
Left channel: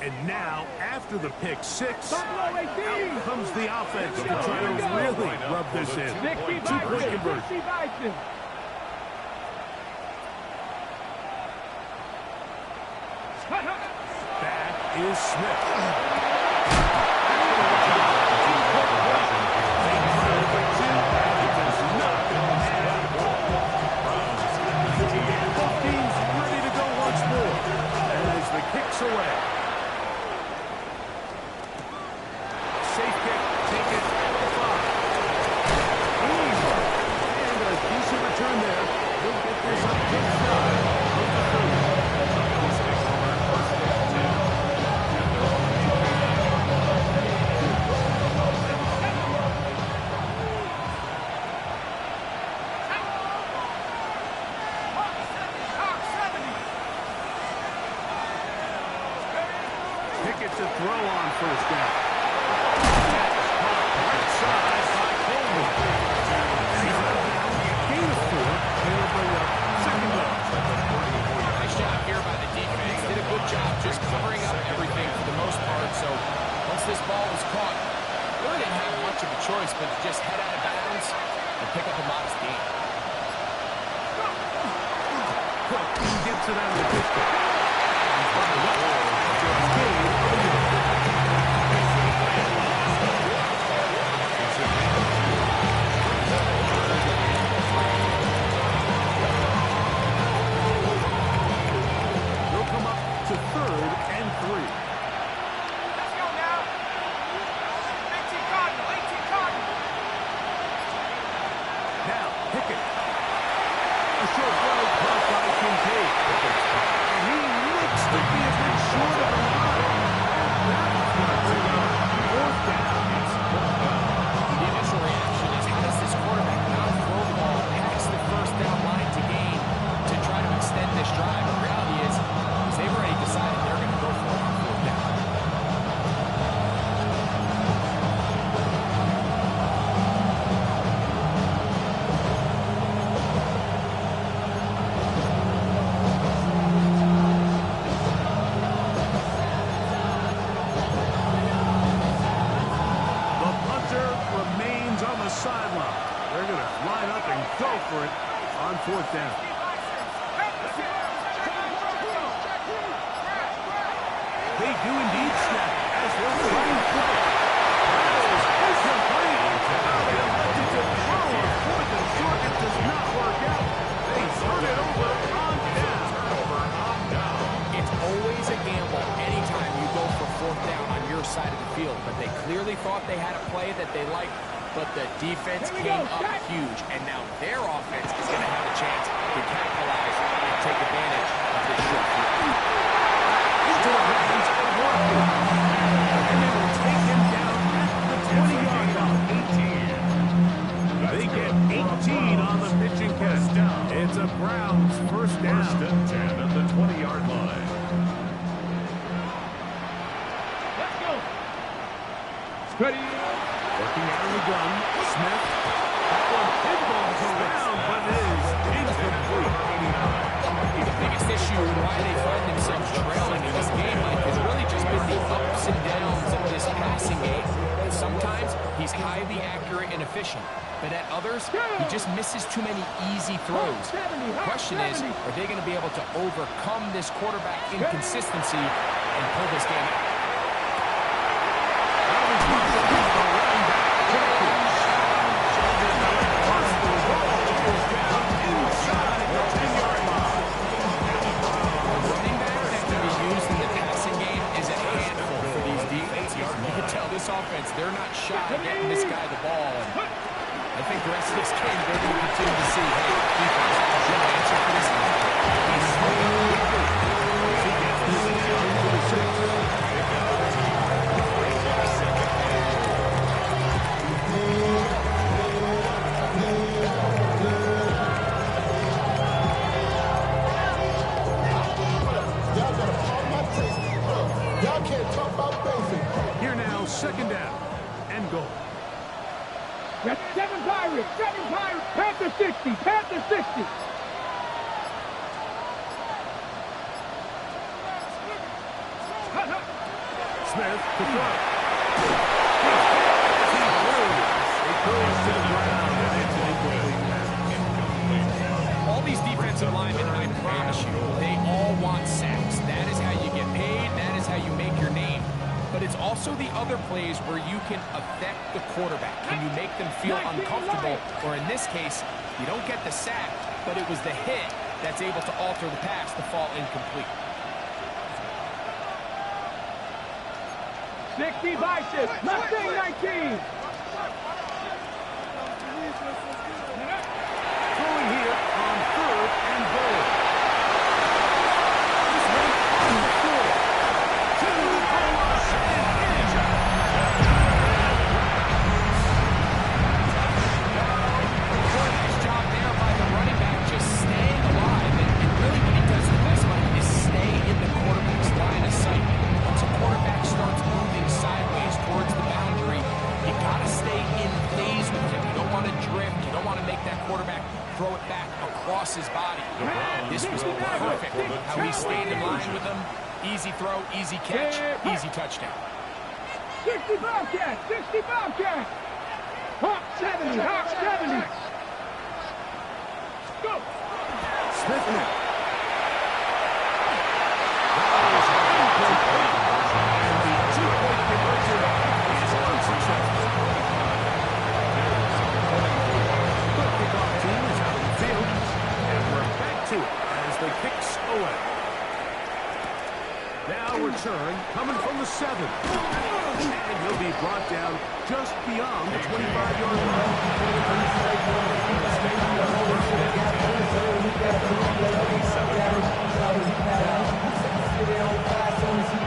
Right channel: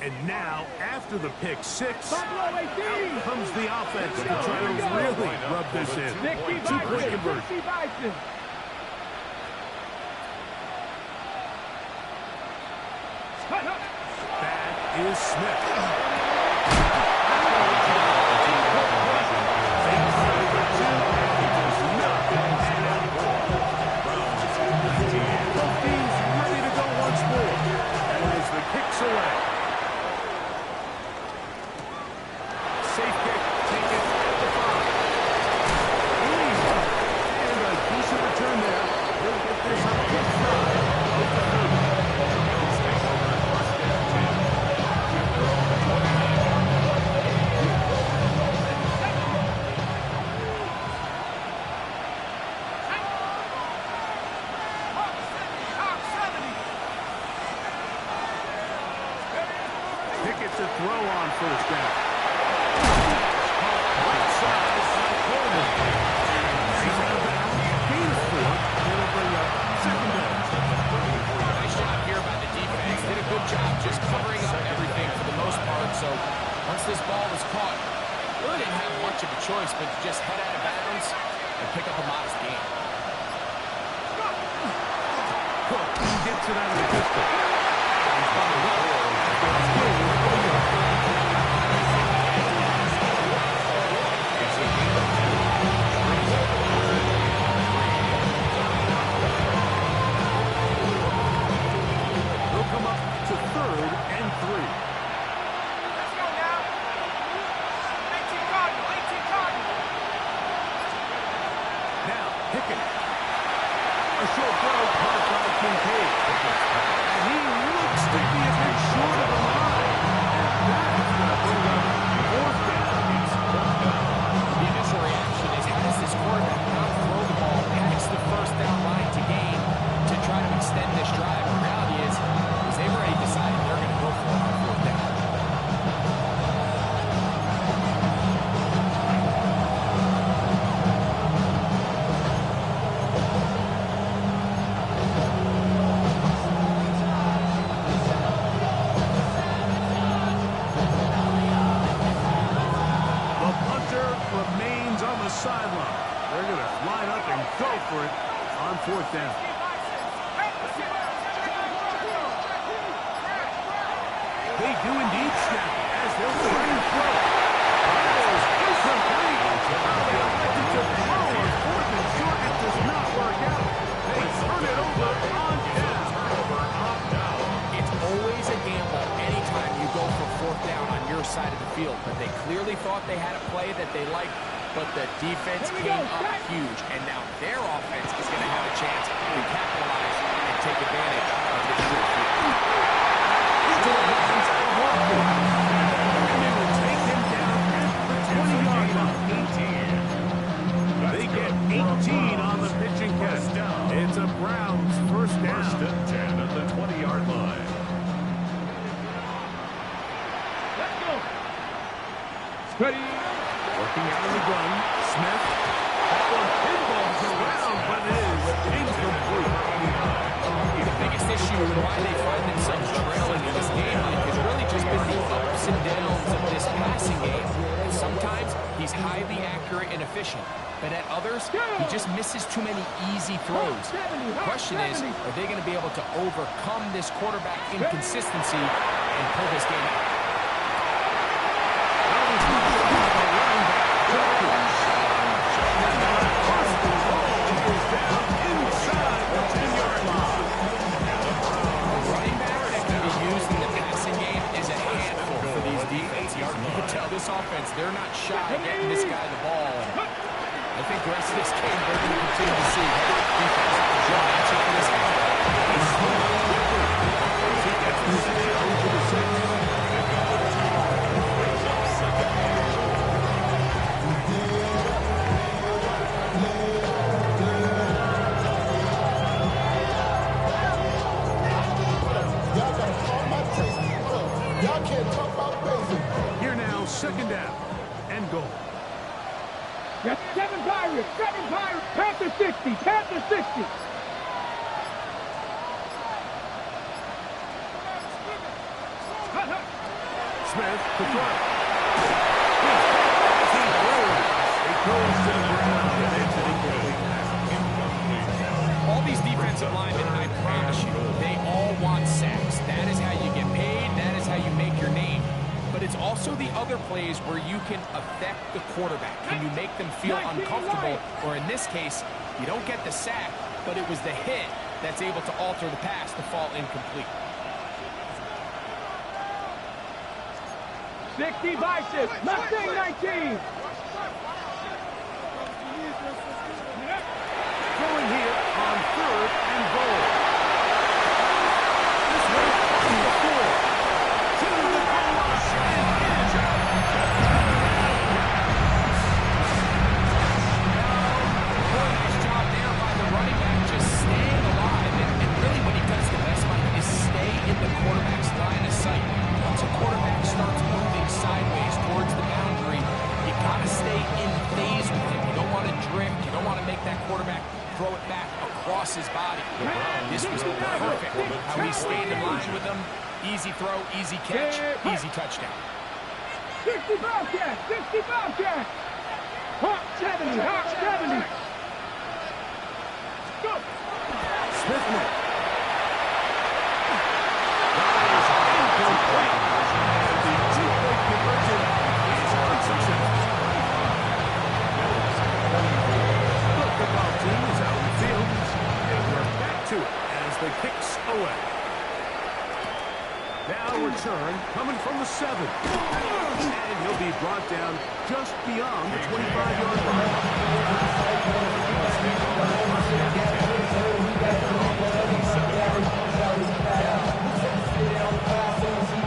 And now, after the pick 6, Buffalo 18. out comes the offense to try to really rub this in. Dixie Two-point Bison. conversion. Dixie Bison. Back is Smith. They try for 2, and he does not add up. Both teams ready to go once more as the kick's away. Safe kick taken at the 5. Easy. And a decent return there. He'll get this up just shy of the 30. The Bills take over at first and 10 at their own 29-yard line. Pickett to throw on first down. That is caught right side by Coleman. He's out of bounds. Gain of 4. It'll bring up second down. Nice job here by the defense. Did a good job just covering up everything for the most part. So once this ball was caught, really didn't have much of a choice but to just head out of bounds and pick up a modest gain. Cook gets it out of the pistol. He's bottled up after a gain of a yard. It's a gain of 2. Brings up 3rd and 3. They'll come up to 3rd and 3. Let's go now. 18 Cardinal, 18 Cardinal. Now, Pickett. A short throw caught by Kincaid. And he looks to be a bit short of the line. And that's going to bring up 4th down. The initial reaction is, how does this quarterback not throw the ball past the first down line to gain to try to extend this drive? The reality is they've already decided they're going to go for it on 4th down. On the sideline. They're going to line up and go for it on 4th down. They do indeed snap it as they'll try and throw. That is incomplete. Now they elected to throw on 4th and short. It does not work out. They turn it over on down. It's always a gamble anytime you go for 4th down on your side of the field, but they clearly thought they had a play that they liked. But the defense came up huge, and now their offense is going to have a chance to capitalize and take advantage of this short field. Into the hands of Walker. And they will take him down at the 20-yard line. They get 18 on the pitching catch. It's a Browns first down. 1st and 10 at the 20-yard line. Let's go. Ready. Working out of the gun, Smith. That one pinballs around, but it is incomplete. The biggest issue and why they find themselves trailing in this game, Mike, has really just been the ups and downs of this passing game. Sometimes he's highly accurate and efficient, but at others, he just misses too many easy throws. The question is, are they going to be able to overcome this quarterback inconsistency and pull this game out? This offense, they're not shy getting this guy the ball, and I think the rest of this game they're going to continue to see, hey, defense, good answer for this guy. He's slowed up quickly once he gets the 6 yards to the 6. Pick up the 2. Brings up 2nd and 4. Y'all got to pump my taste. Y'all can't talk about basic. Here now, 2nd down and goal. That's 7 Pirates, 7 Pirates. Panther 60, Panther 60. Smith to throw. He's hit as he throws. It goes to the ground, and it's an incomplete pass. All these defensive linemen, I promise you, they all want sacks. That is how you get paid. That is how you make your name. But it's also the other plays where you can affect the quarterback. Can you make them feel uncomfortable? Or in this case, you don't get the sack, but it was the hit that's able to alter the pass to fall incomplete. 60 Biceps, Mustang 19. Throwing here on 3rd and goal. This one on the 4. To the goal line and in. Nice job there by the running back, just staying alive. And really what he does the best, Mike, is stay in the quarterback's line of sight. Once a quarterback starts moving side stay in phase with him. You don't want to drift. You don't want to make that quarterback throw it back across his body. This was perfect how he stayed in line with him. Easy throw, easy catch, easy touchdown. 60 Bobcat, 60 Bobcat. Hawk 70, Hawk 70. Go. Smith-Nick. That is incomplete. And the two-point conversion is unsuccessful. The kickoff team is out on the field. And we're back to it as the kicks away. Now return coming from the 7. And he'll be brought down just beyond the 25-yard line.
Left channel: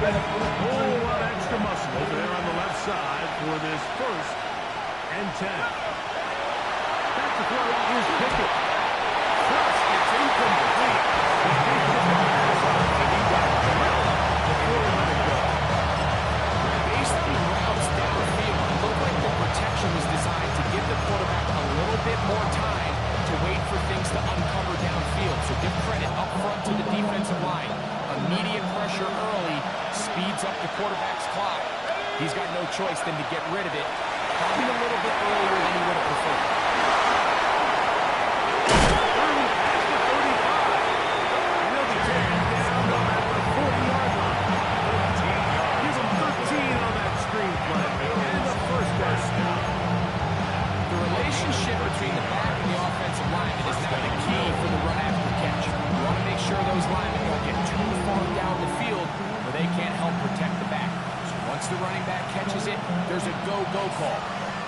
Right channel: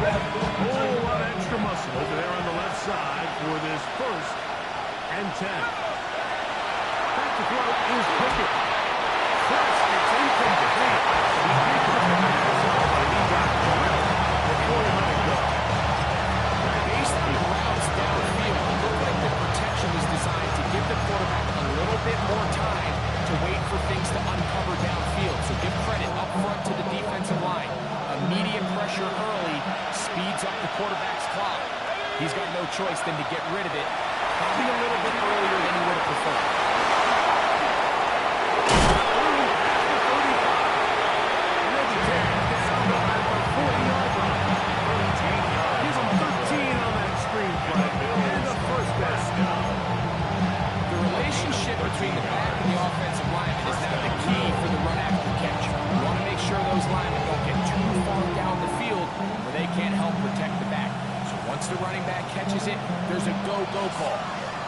A whole lot of extra muscle over there on the left side for this 1st and 10. Back to throw is Pickett. First, it's incomplete. He did get the pass off, but he got drilled before he let it go. Based on the routes downfield, it looked like the protection was designed to give the quarterback a little bit more time to wait for things to uncover downfield. So give credit up front to the defensive line. Immediate pressure early speeds up the quarterback's clock. He's got no choice than to get rid of it, probably a little bit earlier than he would have preferred. The relationship between the back and the offensive lineman is now the key for the run after catch. You want to make sure those linemen don't get too far down the field where they can't help protect the back. So once the running back catches it, there's a go-go call.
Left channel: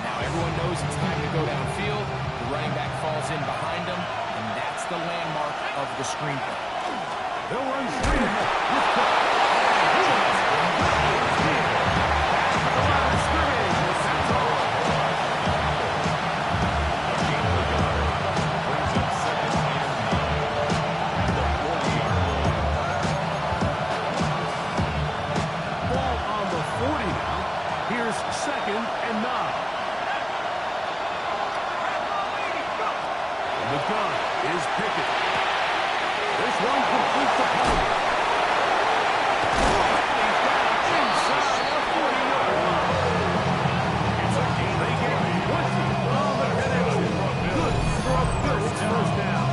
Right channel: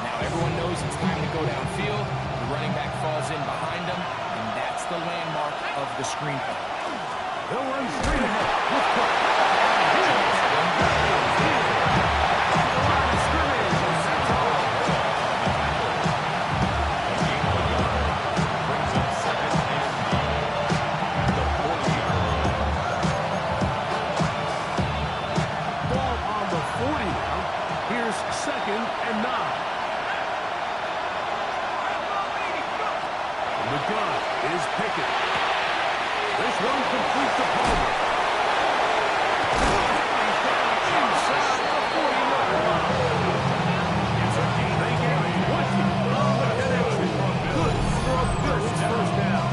Now everyone knows it's time to go downfield. The running back falls in behind them, and that's the landmark of the screen play. They'll run straight ahead with Cook. Second and 9. And the gun is Pickett. This one complete to Palmer. He's down inside the 40-yard line. It's a game. They get 20 on the connection. Good for a good first down.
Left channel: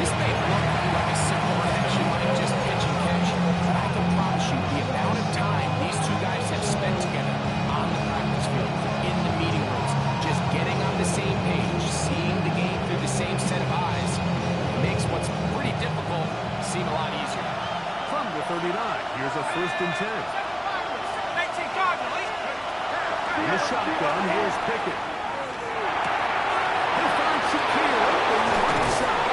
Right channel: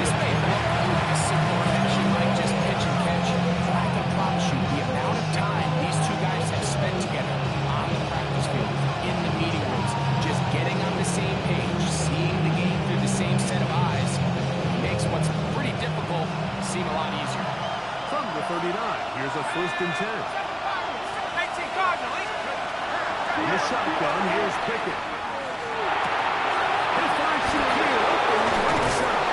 This may look like a simple connection, like just pitch and catch. But I can promise you the amount of time these two guys have spent together on the practice field, in the meeting rooms, just getting on the same page, seeing the game through the same set of eyes, makes what's pretty difficult seem a lot easier. From the 39, here's a 1st and 10. In the shotgun, here's Pickett. He'll find Shakir open right side.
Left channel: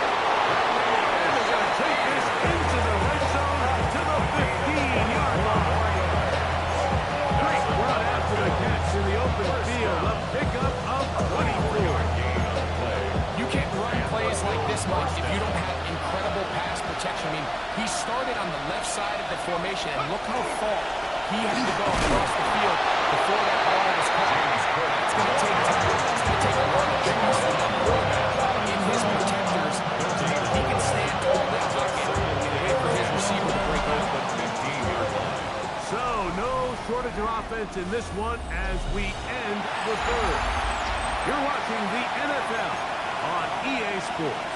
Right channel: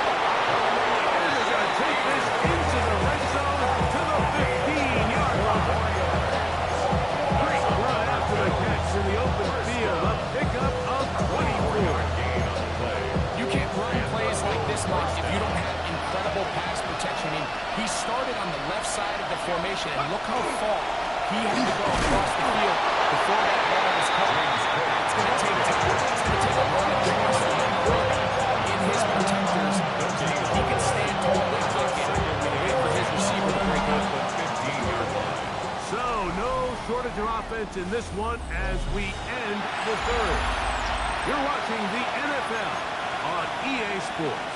And they're going to take this into the red zone to the 15-yard line. Great run after the catch in the open field. A pickup of 24. You can't run plays like this, Mike, if you don't have incredible pass protection. I mean, he started on the left side of the formation, and look how far he had to go across the field before that ball was caught. It's going to take time. It's going to take a lot of pickups from the quarterback in his protectors. He can stand tall in that pocket and wait for his receiver to break open. So, no shortage of offense in this one as we end the 3rd. You're watching the NFL on EA Sports.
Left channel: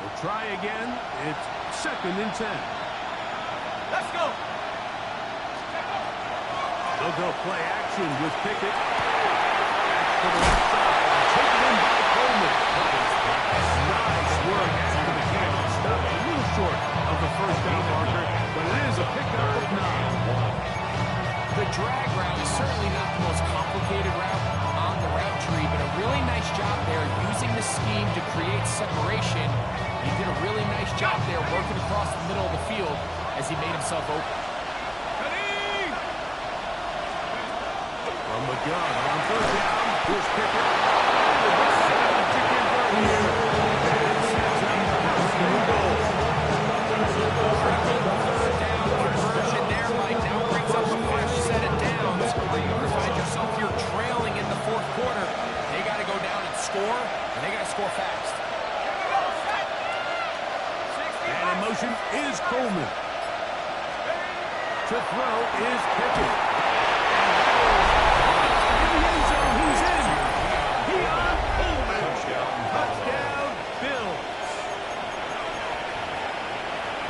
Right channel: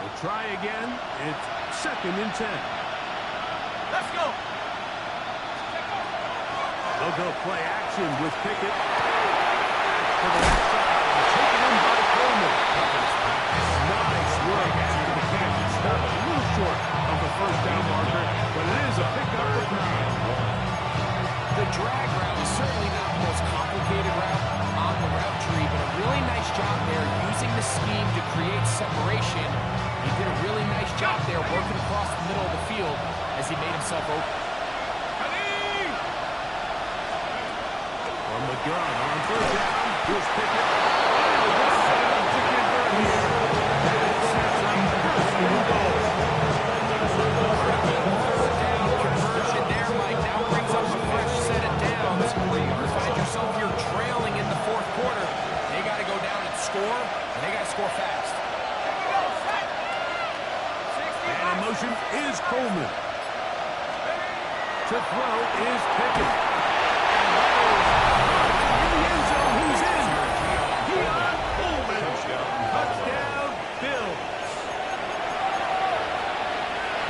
We'll try again. It's 2nd and 10. Let's go. They'll go play action with Pickett. Back to the left side. Taken in by Coleman. Nice work after the catch. Stopped a little short of the 1st down marker, but it is a pickup of 9. The drag route is certainly not the most complicated route on the route tree, but a really nice job there using the scheme to create separation He did a really nice job there working across the middle of the field as he made himself open. From the gun on third down, here's Pickett. And the best setup to convert here. And it sets up first and goal. Third down conversion there, Mike. Now brings up a fresh set of downs. You find yourself here trailing in the fourth quarter. They got to go down and score, and they got to score fast. And in motion is Coleman. To throw is Pickett. And that is in the end zone. He's in. Keon Coleman. Touchdown, Bills.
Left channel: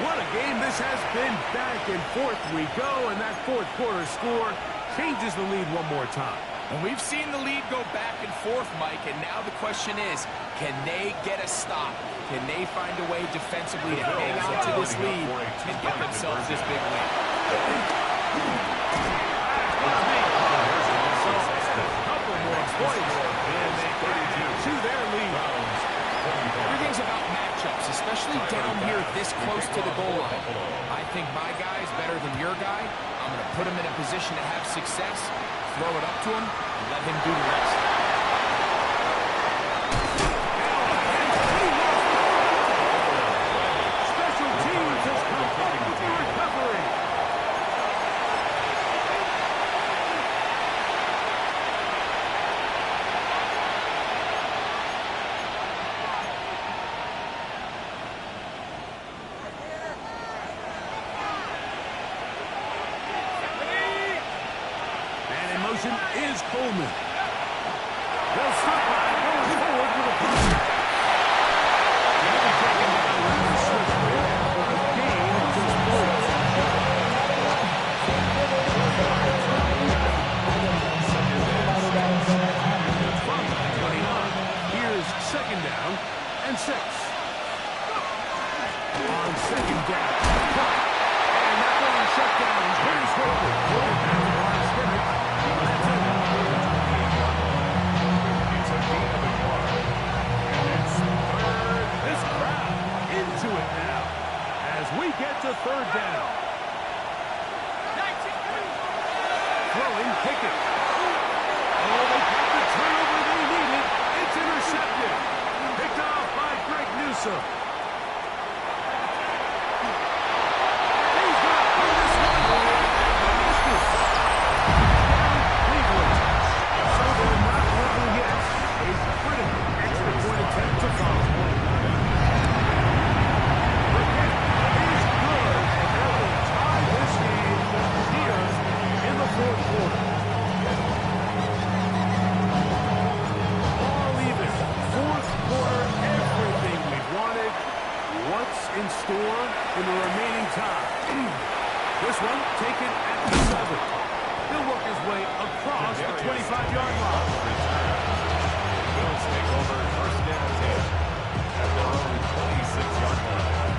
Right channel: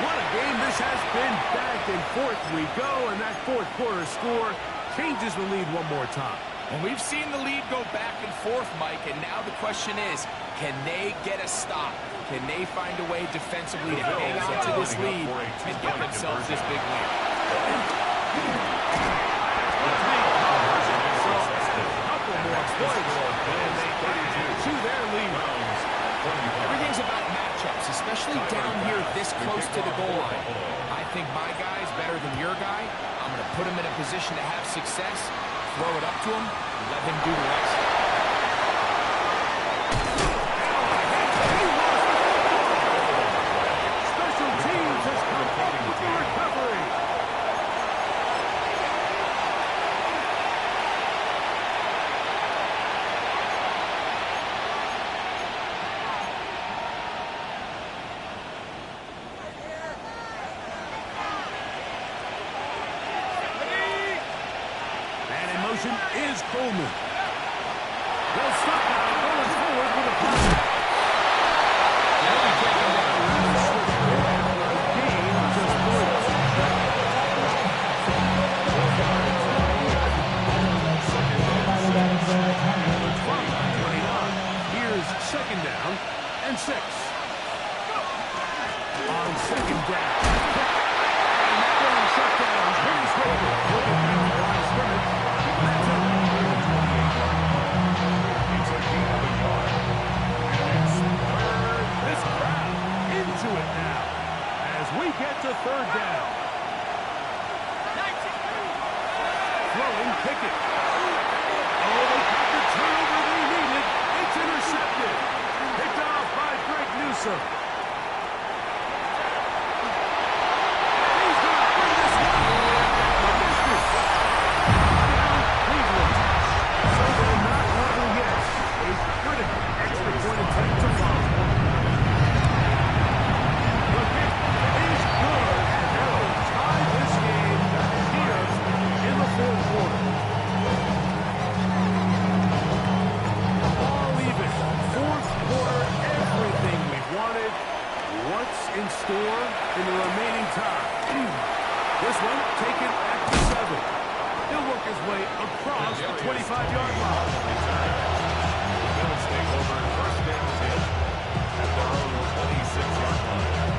What a game this has been. Back and forth we go, and that fourth quarter score changes the lead one more time. And we've seen the lead go back and forth, Mike, and now the question is, can they get a stop? Can they find a way defensively to hang on to this lead and get themselves this big win? Couple more points, and they add to their lead. Everything's about matchups, especially down here this close to the goal line. I think my guy's better than your guy. I'm going to put him in a position to have success, throw it up to him, and let him do the rest. Special teams has come up with the recovery. Is Coleman. They'll stop by going forward with a punt. They'll be taken down rather swiftly after a gain of just 3. Here's second down and 6. On second down. And that one shut down pretty quickly. We'll get back to the line of scrimmage. It's a gain of a yard. And it's third. This crowd into it now as we get to third down. Throwing Pickett. Oh, they got the turnover they needed. It's intercepted. Picked off by Greg Newsome. And he's going to bring this one the distance. Down Cleveland. So they're not level yet. A critical extra point attempt to follow. The kick is good, and that will tie this game here in the fourth quarter. All even. Fourth quarter, everything we've wanted. What's in store in the remaining time? This one taken at the 7. He'll work his way across the 25-yard line. The Bills take over first and 10 at their own 26-yard line.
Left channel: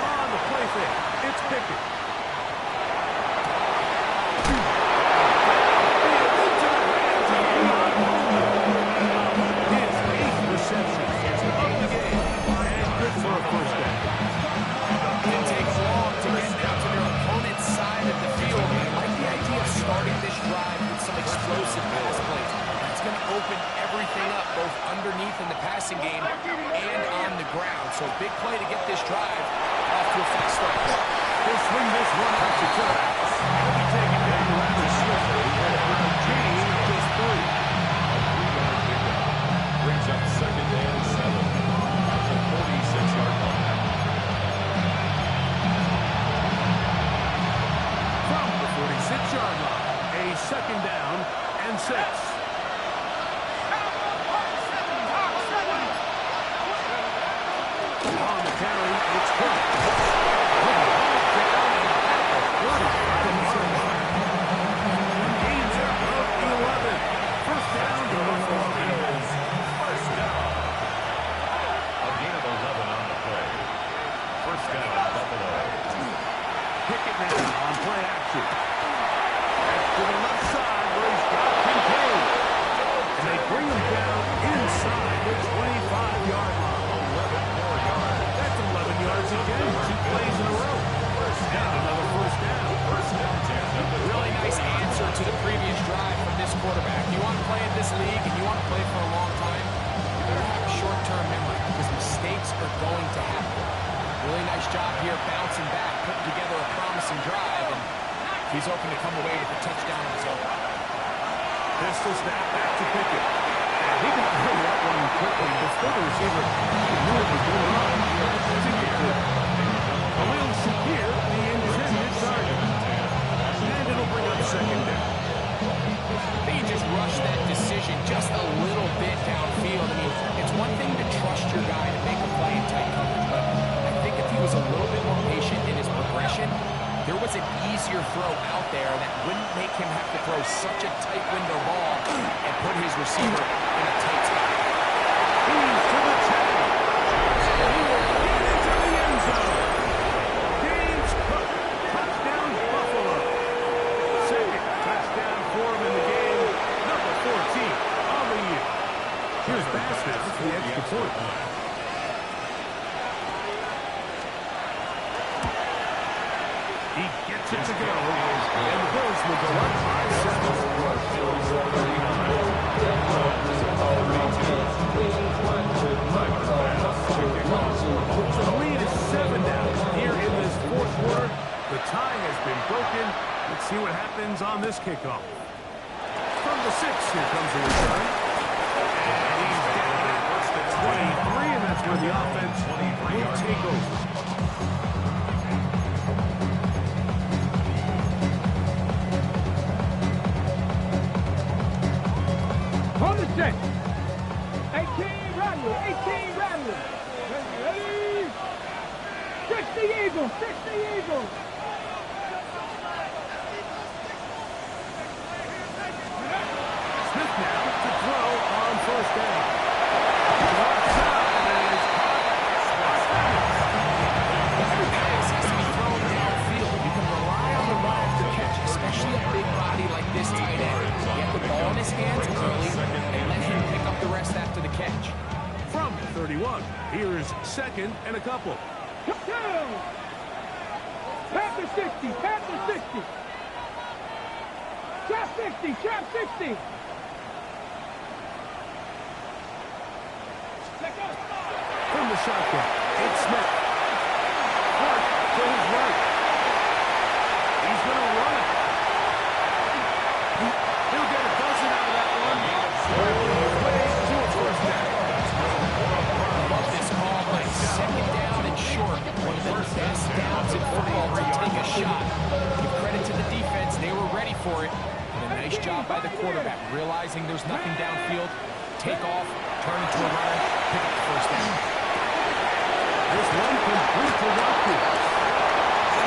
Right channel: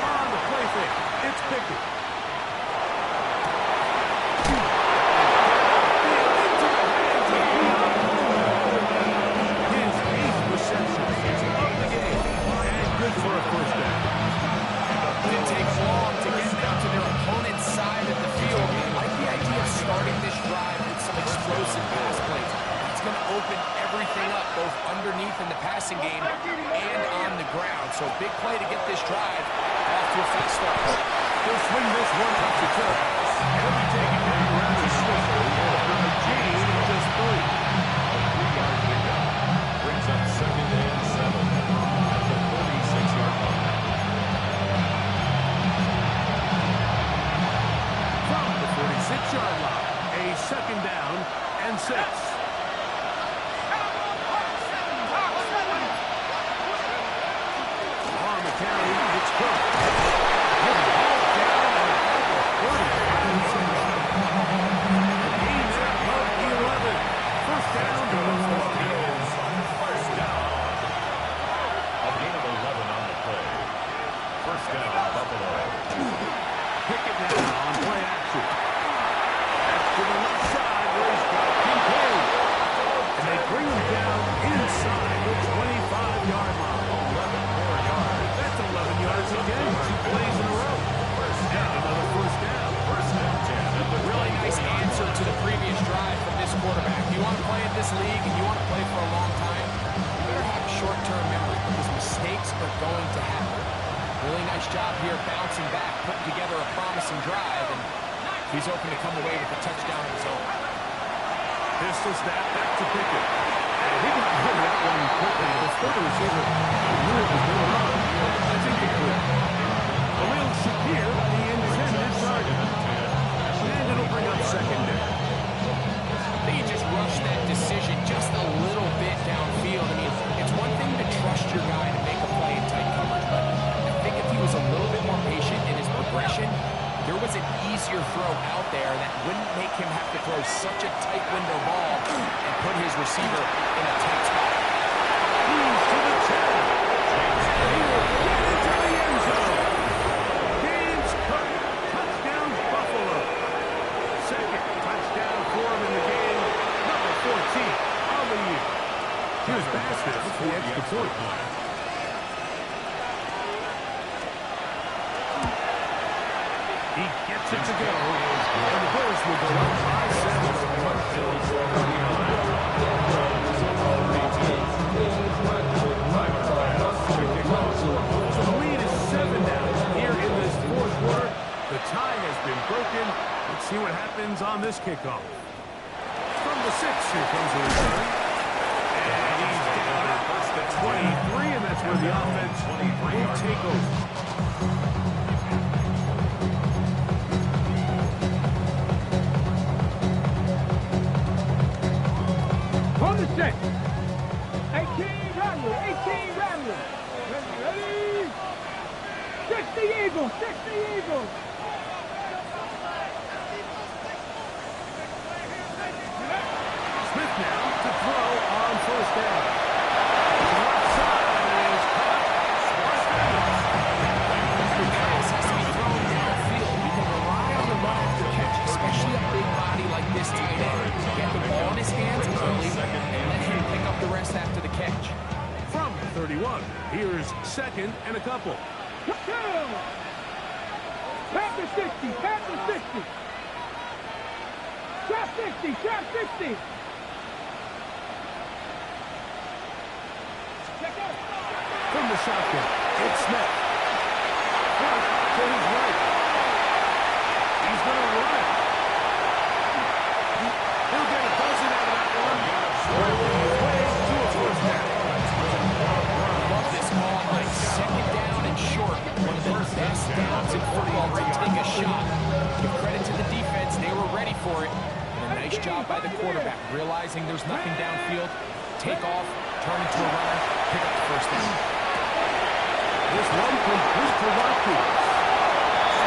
On the play fake, it's Pickett. Into the hands of Keon Coleman. His 8th reception of the game, and good for a first down. Didn't take long to get down to their opponent's side of the field. I like the idea of starting this drive with some explosive pass plays. That's going to open everything up, both underneath in the passing game and on the ground. So big play to get this drive off to a fast start. He'll swing this one up to Tuck. He'll be taken down rather swiftly after a gain of just 3. A 3-yard pickup brings up second and 7 at the 46-yard line. From the 46-yard line, a second down and 6. On the carry, it's Cook. He'll be hauled down and at the 35-yard line. A gain there of 11. First down to the 14. First down. A gain of 11 on the play. First down, Buffalo. Pickett now on play action. to the previous drive from this quarterback. You want to play at this league and you want to play for a long time, you better have a short-term memory because mistakes are going to happen. Really nice job here bouncing back, putting together a promising drive, and he's open to come away with a touchdown of his own. Pistol snap back to Pickett. And he got rid of that one quickly before the receiver knew what was going on. That's incomplete. Khalil Shakir, the intended target. And it'll bring up second down. They just rushed that decision just a little bit downfield. I mean, it's one thing to trust your guy to make a play in tight coverage, but I think if he was a little bit more patient in his progression, there was an easier throw out there that wouldn't make him have to throw such a tight window ball and put his receiver in a tight spot. He's to the 10. And he will get into the end zone. James Cook, touchdown Buffalo. Second touchdown for him in the game. Number 14 on the year. Here's Bastis for the extra point. He gets it to go, and the Bills will go up by 7. So the lead is 7 now here in this fourth quarter. The tie has been broken. Let's see what happens on this kickoff. From the 6, here comes the return. And he's down at 23, and that's where the offense will take over. On the set. 18 Rattler. 18 Rattler. Ready? 60 Eagles. 60 Eagles. Smith now to throw on first down. To the left side, and it is caught by Fenix. Every pass has to be thrown downfield. You can rely on the run after catch, especially a big body like this tight end. Get the ball in his hands early and let him pick up the rest after the catch. From 31, here's second and a couple. Touchdown. Panther 60. Panther 60. Trap 60. Trap 60. From the shotgun, it's Smith. Front to his right. He's going to run it. He'll get a dozen out of that one. Working his way to a first down. I love this call, Mike. Second down and short. One of the best downs in football to take a shot. Give credit to the defense. They were ready for it. And a nice job by the quarterback, realizing there's nothing downfield. Take off, turn into a runner, pick up the first down. This one complete to Watkins.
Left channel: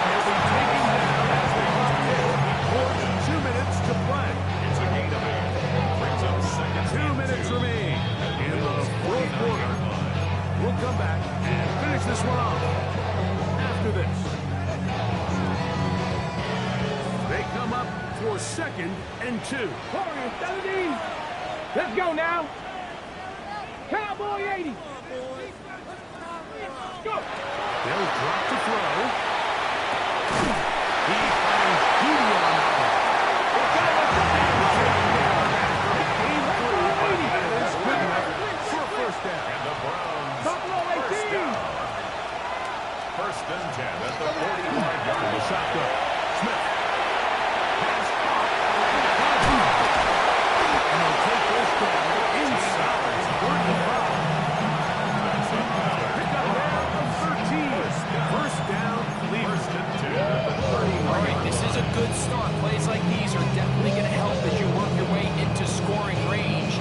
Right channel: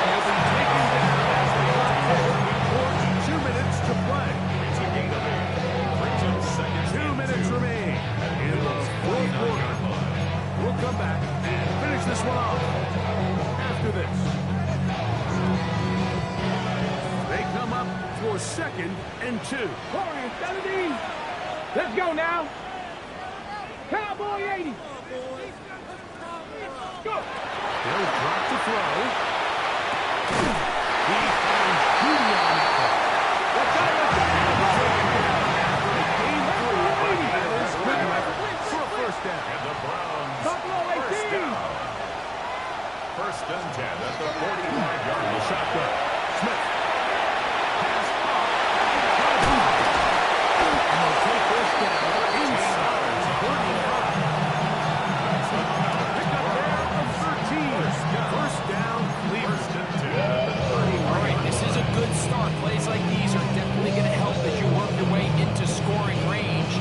He'll be taken down as the clock ticks. 2 minutes to play. It's a gain of 8. Brings up second. 2 minutes remain in the fourth quarter. We'll come back and finish this one off after this. They come up for second and 2. Corner 70. Let's go now. Cowboy 80. Go. They'll drop to throw. He finds Judy on that one. Taken down after a game 3, but that is good enough for a first down. And the Browns Buffalo first 18. down. First and 10 at the 45-yard The line. shotgun. Smith. Pass off. And they'll take this down inside 35. Pick up there of 13. First down, Cleveland. First and 10 at the 30. All right, this is a good start. Plays like these are definitely going to help as you work your way into scoring range.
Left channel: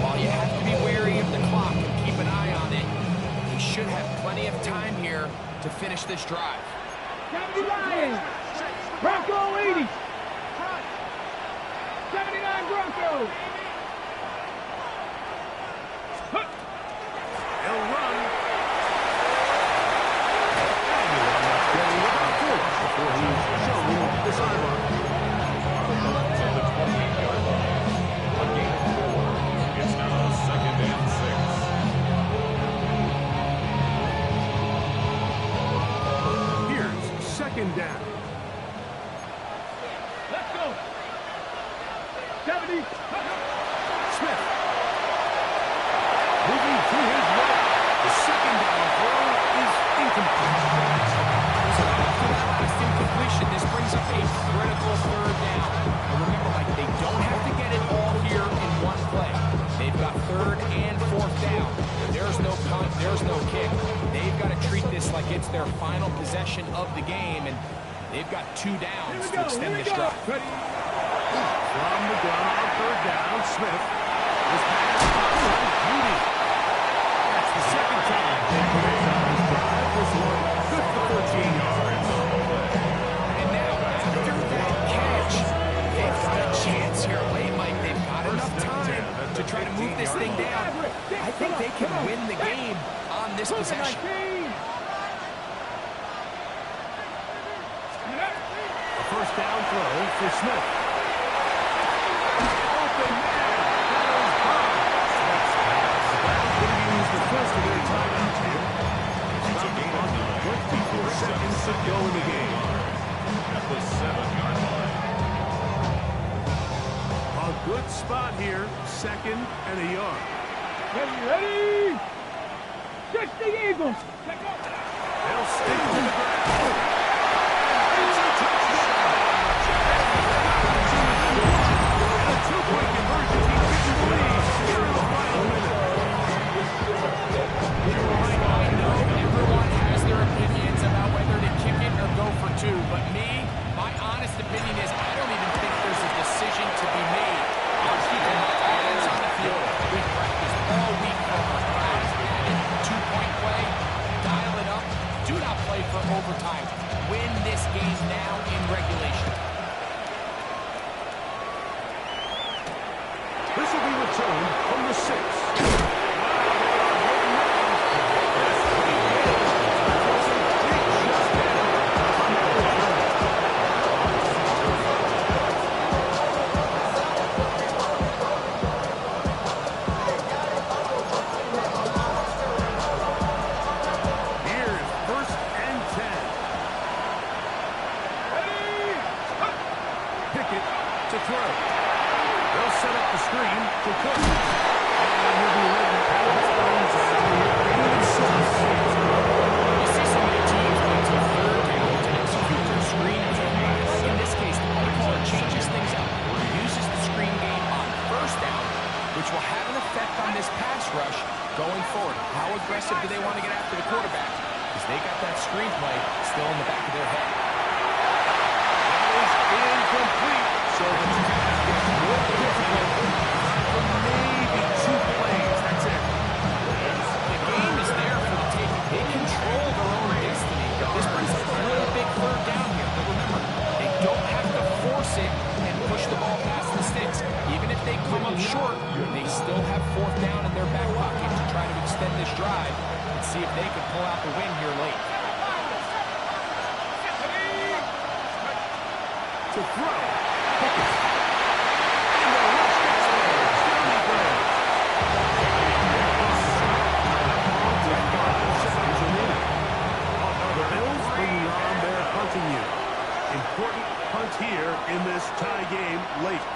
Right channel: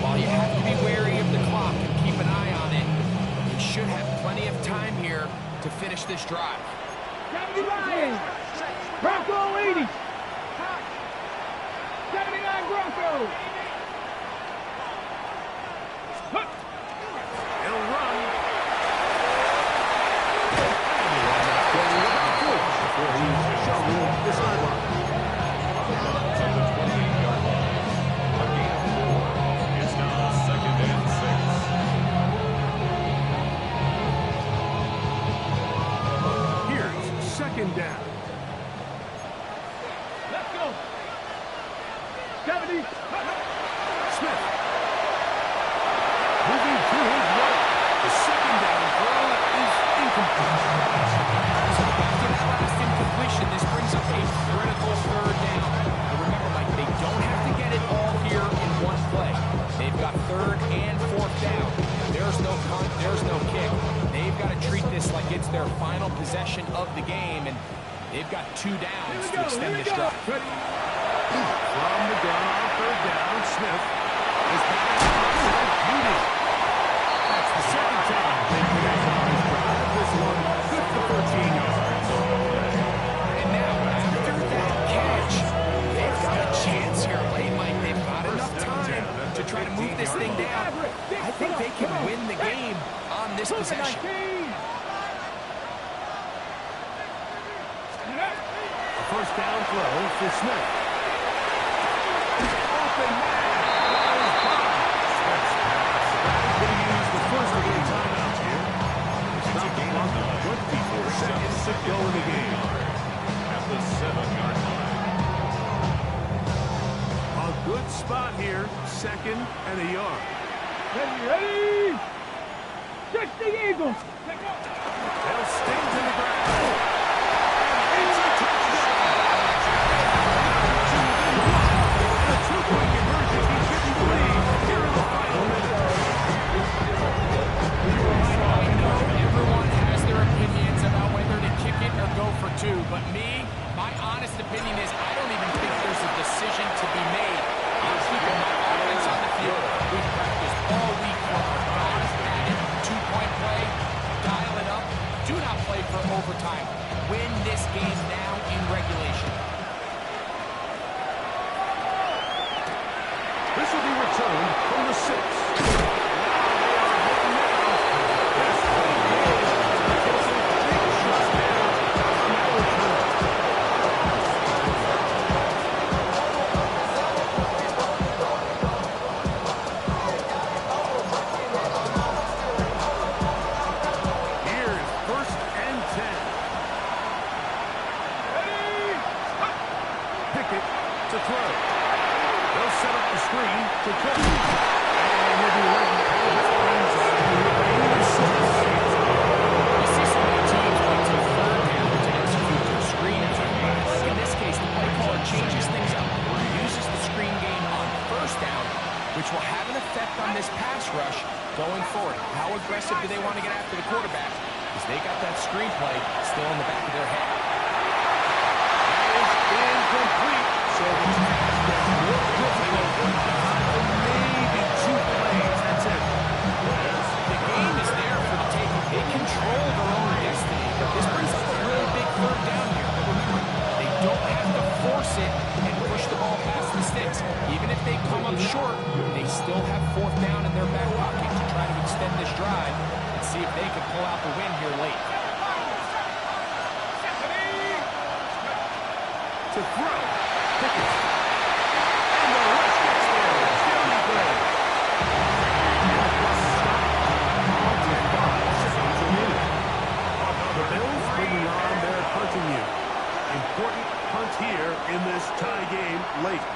While you have to be wary of the clock and keep an eye on it, you should have plenty of time here to finish this drive. 79. Bronco 80. 79 Bronco. He'll run. And he'll end up getting about 4 before he's shown the sideline. On the Browns at the 28-yard line. A gain of 4. It's now second and 6. Here's second down. Let's go. 70. Smith. Moving to his right. The second down throw is incomplete. So after that last incompletion, this brings up a critical third down. But remember, Mike, they don't have to get it all here in one play. They've got third and fourth down. There's no punt, there's no kick. They've got to treat this like it's their final possession of the game, and they've got 2 downs to extend this drive. From the gun on third down, Smith. This pass is beauty. That's the second time they connect on this drive. This one good for 13 yards. And now, after that catch, they've got a chance here late, Mike. They've got enough time to try to move this thing down. I think they can win the game on this possession. A first down throw for Smith. Open man. There's Bob. Smith's pass. The Browns going to use the first of their timeouts here. It's a gain of 9. 24 seconds to go in the game. At the 7-yard line. A good spot here. Second and a yard. Ready? 60 Eagles. They'll stick to the ground. It's a touchdown. And a 2-point conversion. He's getting the lead here in the final minute. I know everyone has their opinions about whether to kick it or go for 2, but my honest opinion is I don't even think there's a decision to be made. I'm keeping my offense on the field. We've practiced all week for our guys at it. 2-point play, dial it up. Do not play for overtime. Win this game now in regulation. This will be returned from the 6. Wow, they are hitting now. This way is a big shot there on that return. Here's first and 10. Pickett to throw. They'll set up the screen to Cook. And he'll be letting out of bounds as we hit the 86. You see so many teams wait till third down to execute their screen pass. In this case, the play caller changes things up. He uses the screen game on first down, which will have an effect on this pass rush going forward. How aggressive do they want to get after the quarterback? Because they got that screen play still in the back of their head. That is incomplete. So the pass gets more difficult. Time for maybe 2 plays. That's it. The game is there for the taking. They control their own destiny. But this brings up a really big third down here. But remember, they don't have to force it and push the ball past the sticks. Even if they come up short, they still have fourth down in their back pocket to try to extend this drive and see if they can pull out the win here late. To throw. Pickett. And the rush gets there. Johnny Gray. With 5 seconds remaining. The Bills bringing on their punting unit. Important punt here in this tie game late.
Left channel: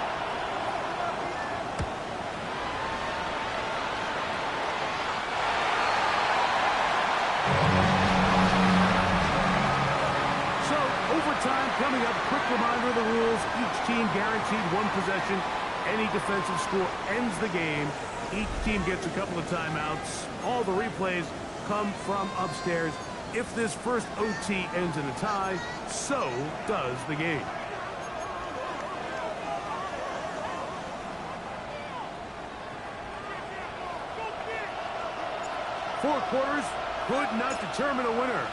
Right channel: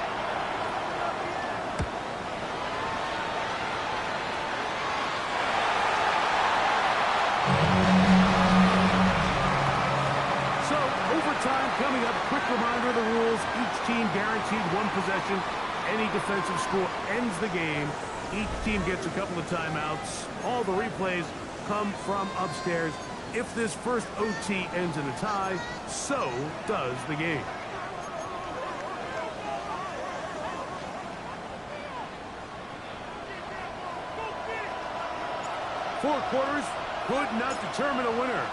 So, overtime coming up. Quick reminder of the rules. Each team guaranteed 1 possession. Any defensive score ends the game. Each team gets a couple of timeouts. All the replays come from upstairs. If this first OT ends in a tie, so does the game. Four quarters could not determine a winner.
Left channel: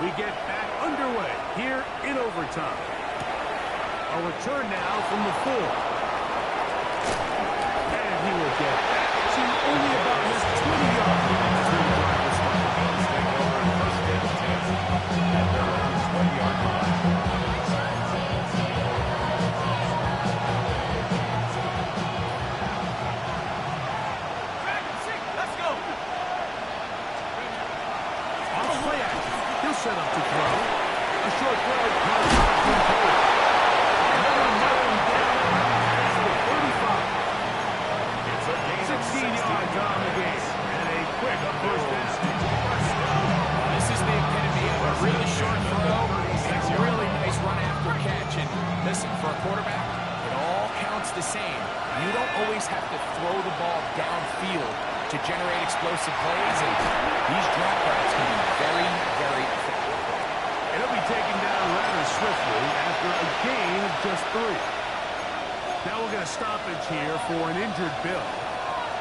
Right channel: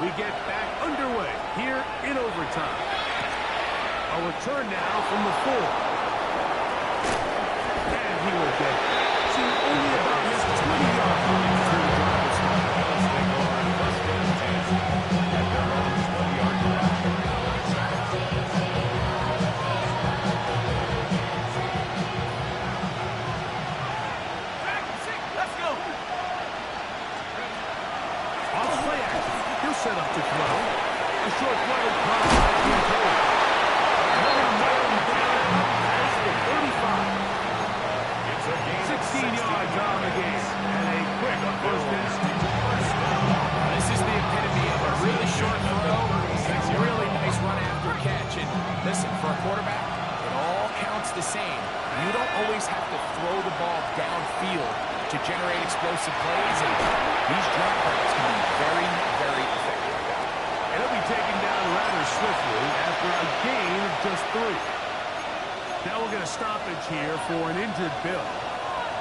We get back underway here in overtime. A return now from the 4. And he will get back to only about his 20-yard line as their drive will start. Bills take over in first and 10 at their own 20-yard line. Let's go. Off play action. He'll set up to throw. A short throw caught by Kincaid. And they're going to nail him down up past the 35. Listen, for a quarterback, it all counts the same. You don't always have to throw the ball downfield to generate explosive plays, and these drag routes can be very, very effective. And he'll be taken down rather swiftly after a gain of just 3. Now we'll get a stoppage here for an injured Bill.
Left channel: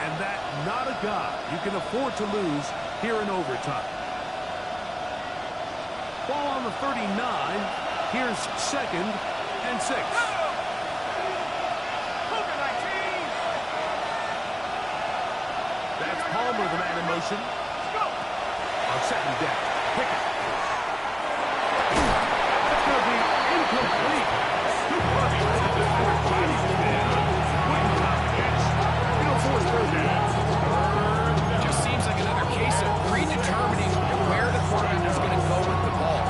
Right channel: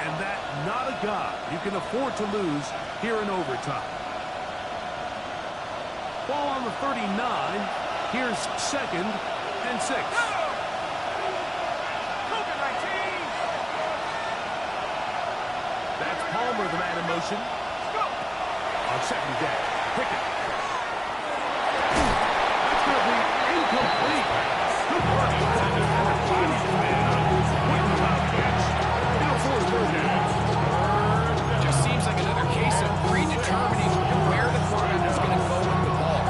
And that not a guy you can afford to lose here in overtime. Ball on the 39. Here's 2nd and 6. That's Palmer, the man in motion. On 2nd down, Pickett. That's going to be incomplete. Good work by the defender finding his man on waiting top catch. He'll force 3rd down. Just seems like another case of predetermining where the quarterback is going to go with the ball.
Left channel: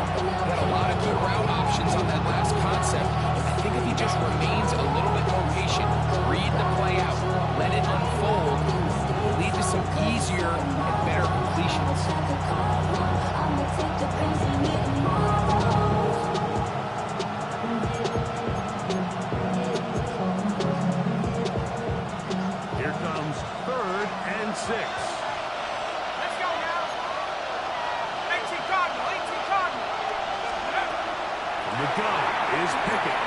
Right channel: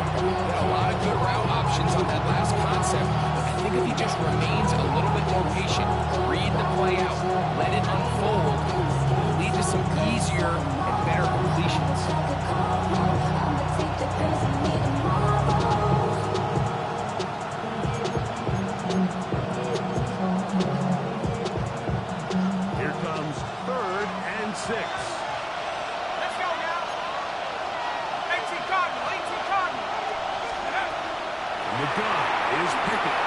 He had a lot of good route options on that last concept. I think if he just remains a little bit more patient, read the play out, let it unfold, will lead to some easier and better completions. Here comes 3rd and 6. Let's go now. 18 Cardinal, 18 Cardinal. From the gun is Pickett.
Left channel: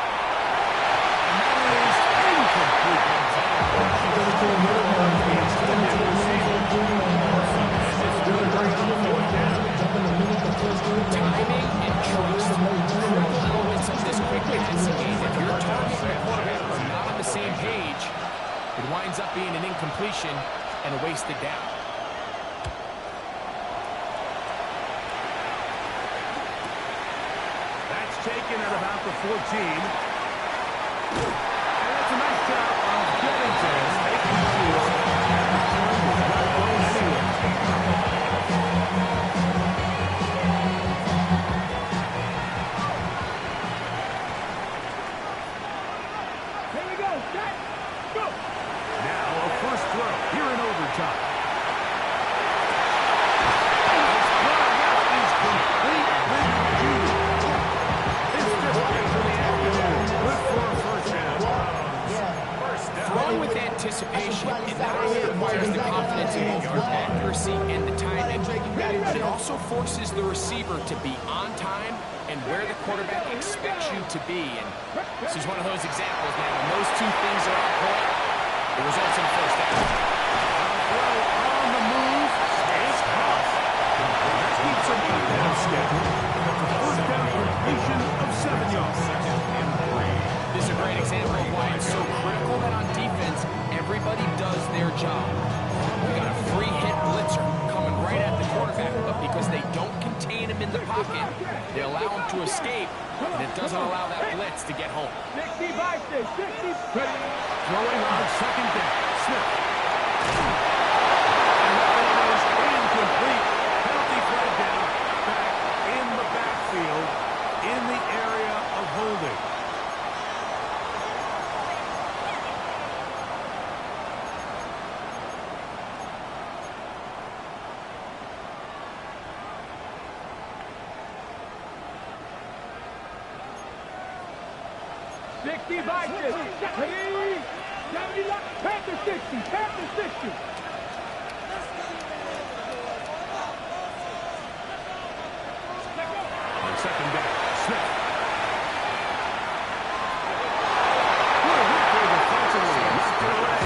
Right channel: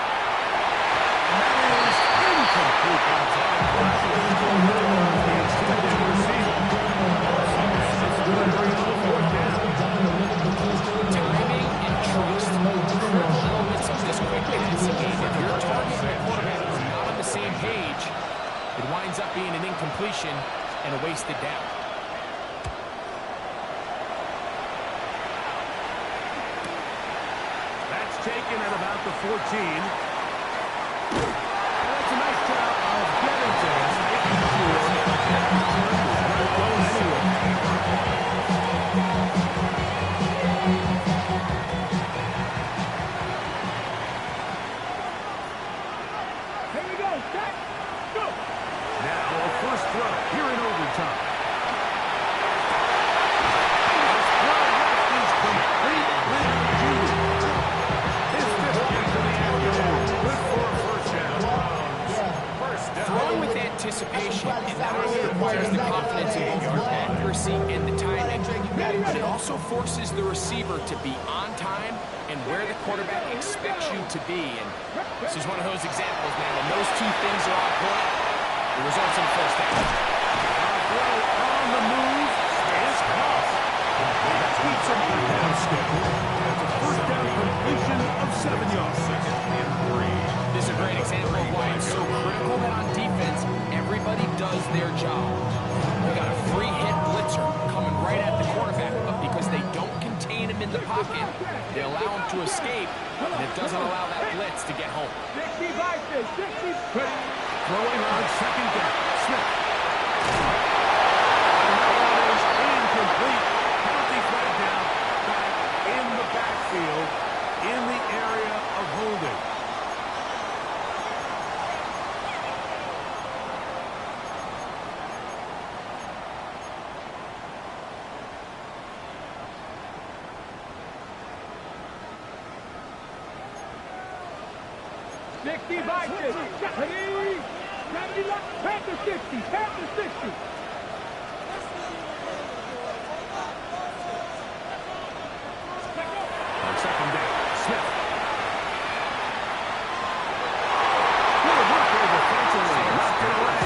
And that is incomplete. The intended receiver. And it's going to bring up 4th down. Timing and trust, critical elements of this quick passing game. If your target and your quarterback are not on the same page, it winds up being an incompletion and a wasted down. That's taken at about the 14. And that's a nice job of getting to him, making sure that return was not going anywhere. Here we go. Set. Go. Now a first throw here in overtime. His throw left is complete with Judy. His 5th catch of the afternoon. Good for a first down. First down. Throwing with anticipation, it not only requires the confidence in both your accuracy and the timing, but it also forces the receiver to be on time and where the quarterback expects you to be. And this is one of those examples, man. When those two things are on point, it results in a first down. A throw on the move is caught. That keeps him ahead of schedule. That's a first down completion of 7 yards. 2nd and 3. This is a great example of why it's so critical that on defense, everybody does their job. We got a free hit blitzer coming right at the quarterback, but because they don't contain him in the pocket, they allow him to escape, and it doesn't allow that blitz to get home. 60 by 6, 60. Throwing on 2nd down. Smith. And that one is incomplete. Penalty flag down. Back in the backfield. In the area of holding. By 6, 70, Panther 60, Panther 60. On 2nd down, Smith. Good work there defensively. Knocked it away.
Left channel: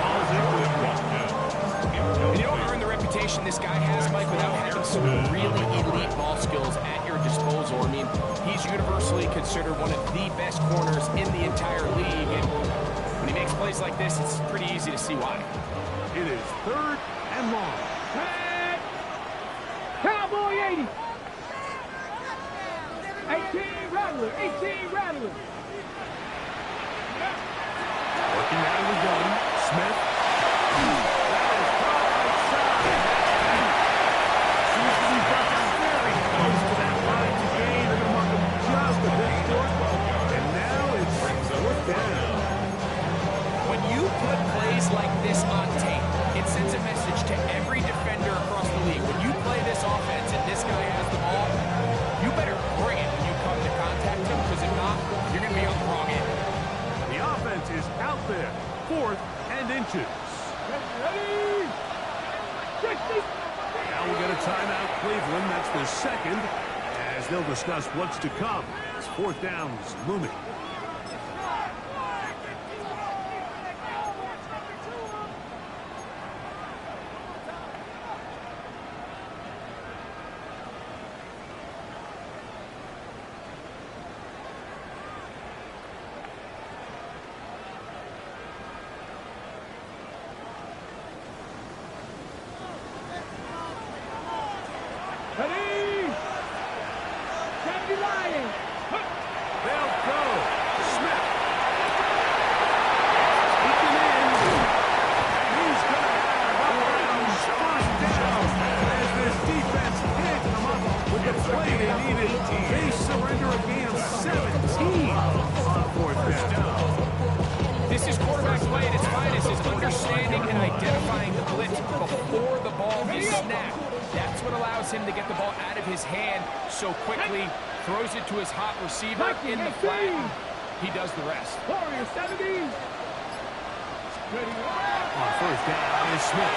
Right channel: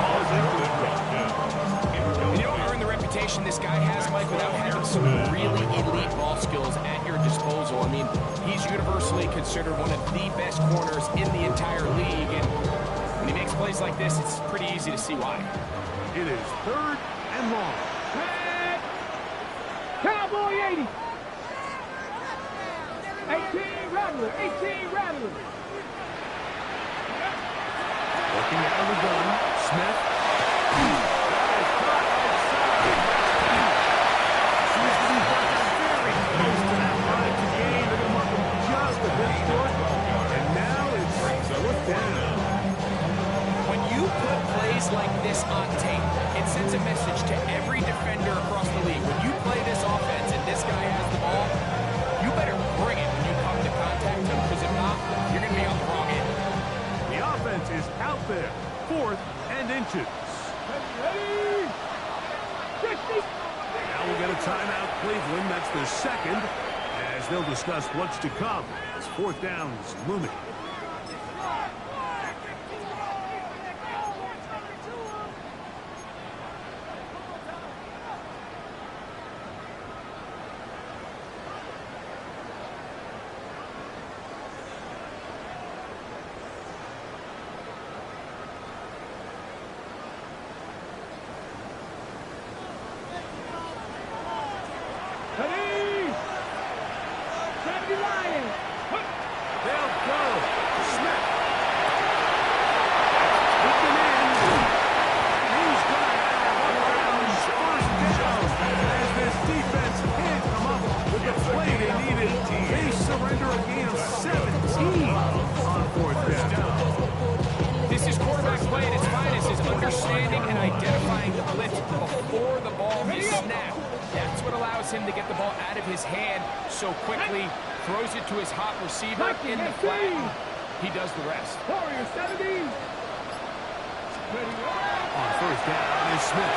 Ball's incomplete. And you don't earn the reputation this guy has, Mike, without having some really elite ball skills at your disposal. I mean, he's universally considered one of the best corners in the entire league, and when he makes plays like this, it's pretty easy to see why. It is 3rd and long. Cowboy 80. 18 Rattler, 18 Rattler. Working out of the gun, Smith. That is caught outside. Seems to be back very close to that line to gain. They're going to mark him just a bit short. And now it's 4th down. When you put plays like this on tape, it sends a message to every defender across the league. When you play this offense and this guy has the ball, you better bring it when you come to contact him, because if not, you're going to be on the wrong end. The offense is out there. 4th and inches. Ready? 60. Now we'll get a timeout, Cleveland. That's their second, as they'll discuss what's to come as 4th down is looming. Ready? 70 Lions. They'll go. Smith. Taken in. And he's going to have up around 1st down. As this defense can't come up with the play they needed. They surrender a gain of 17 on 4th down. This is quarterback play at its finest, is understanding and identifying the blitz before the ball is snapped. That's what allows him to get the ball out of his hand so quickly, throws it to his hot receiver in the flat. He does the rest. Warrior 70. Ready? On 1st down is Smith.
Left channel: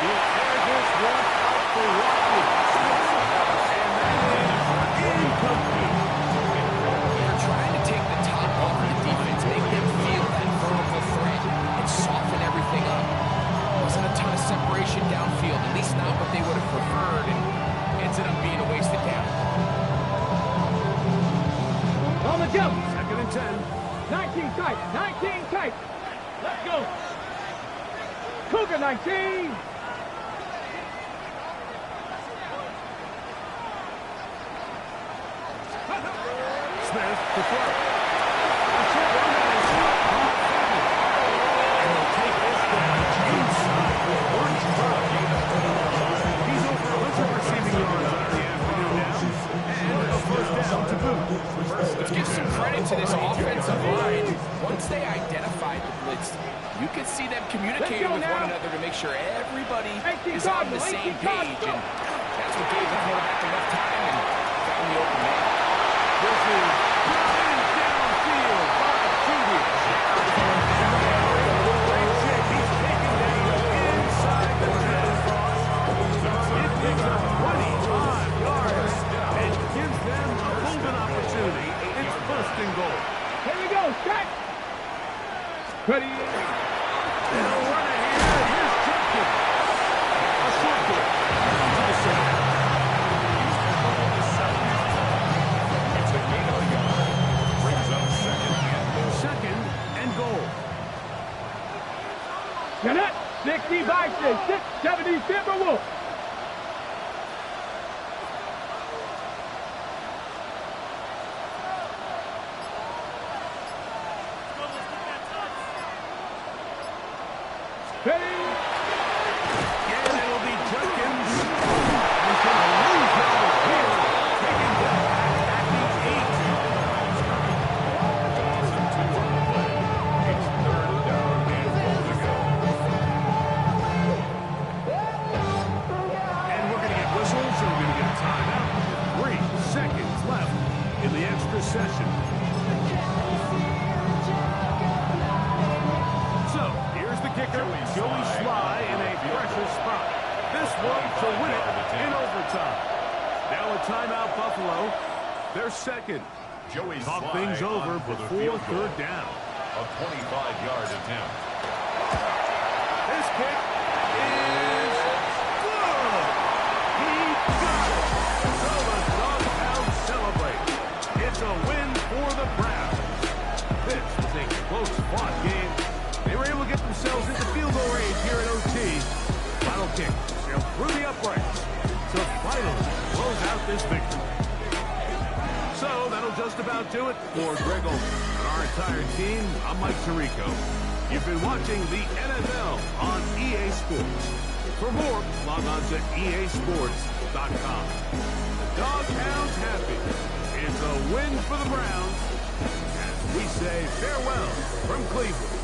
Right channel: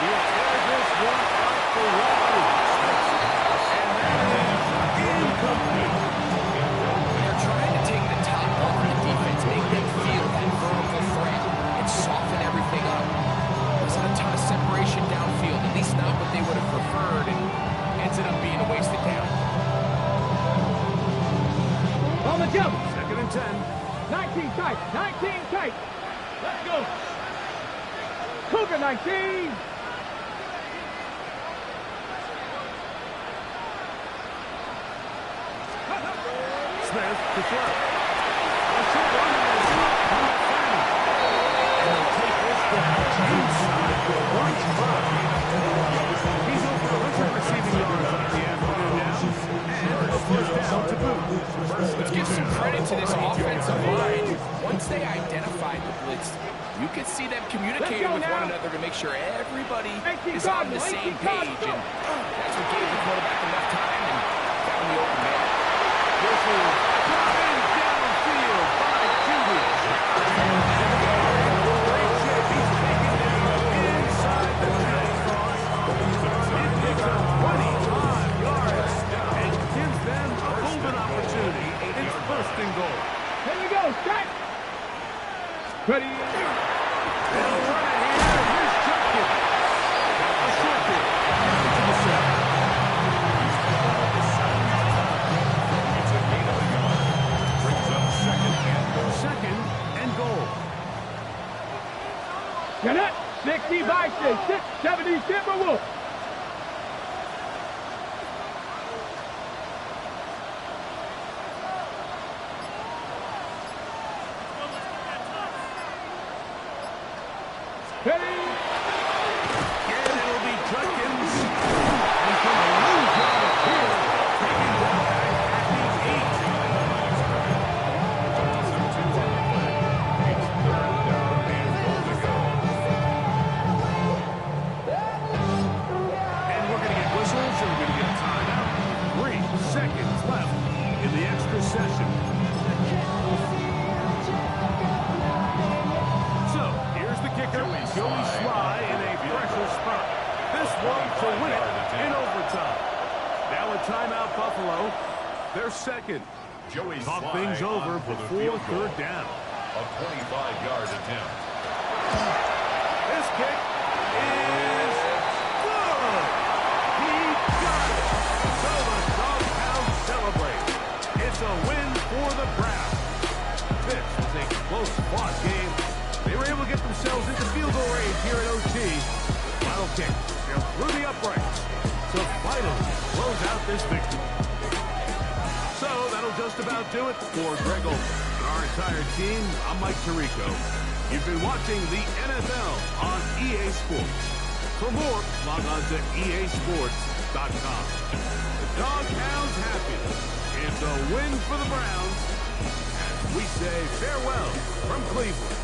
He'll air this one out for Watkins. And that is incomplete. They're trying to take the top off the defense, make them feel that vertical threat, and soften everything up. Wasn't a ton of separation downfield, at least not what they would have preferred, and ended up being a wasted down. On the jump. 2nd and 10. 19 tight. 19 tight. Let's go. Cougar 19. Smith to throw. A short run at his top 7. And they'll take this down inside for 1 He's over 100 receiving yards on the afternoon now. And a 1st down to boot. Let's give some credit to this offensive line. Once they identified the blitz, you could see them communicating with one another to make sure everybody is on the same page. And that's what gave the quarterback enough time and found the open man. This is driven downfield by Judy. Great shape. He's taken down inside the 10. It picks up 25 yards and gives them a golden opportunity. It's 1st and goal. Here we go. Strike. Ready? They'll run it here. Here's Judkins. A short kick down to the 7. Second and goal. Get it. 60 by 6. 70 Timberwolves. Ready? And it'll be Judkins. He's going to lose on it here. Taking down at the 8. It's a loss of 2 on the play. It's 3rd down and goal to go. And we're going to get whistles, and we're going to get a timeout. 3 seconds left in the extra session. So, here's the kicker, Joey Sly in a pressure spot. This one to win it in overtime. Now a timeout, Buffalo. Their second. Joey Talk Sly things over on for the before field goal. 3rd down. A 25-yard attempt. This kick is good. He got it. So the Doghounds celebrate. It's a win for the Browns. This was a close-fought game. They were able to get themselves into field goal range here at OT. Final kick sailed through the uprights to finally close out this victory. So that'll just about do it for Greg Olsen and our entire team. I'm Mike Tirico. You've been watching the NFL on EA Sports. For more, log on to easports.com. The Doghounds happy. It's a win for the Browns as we say farewell from Cleveland.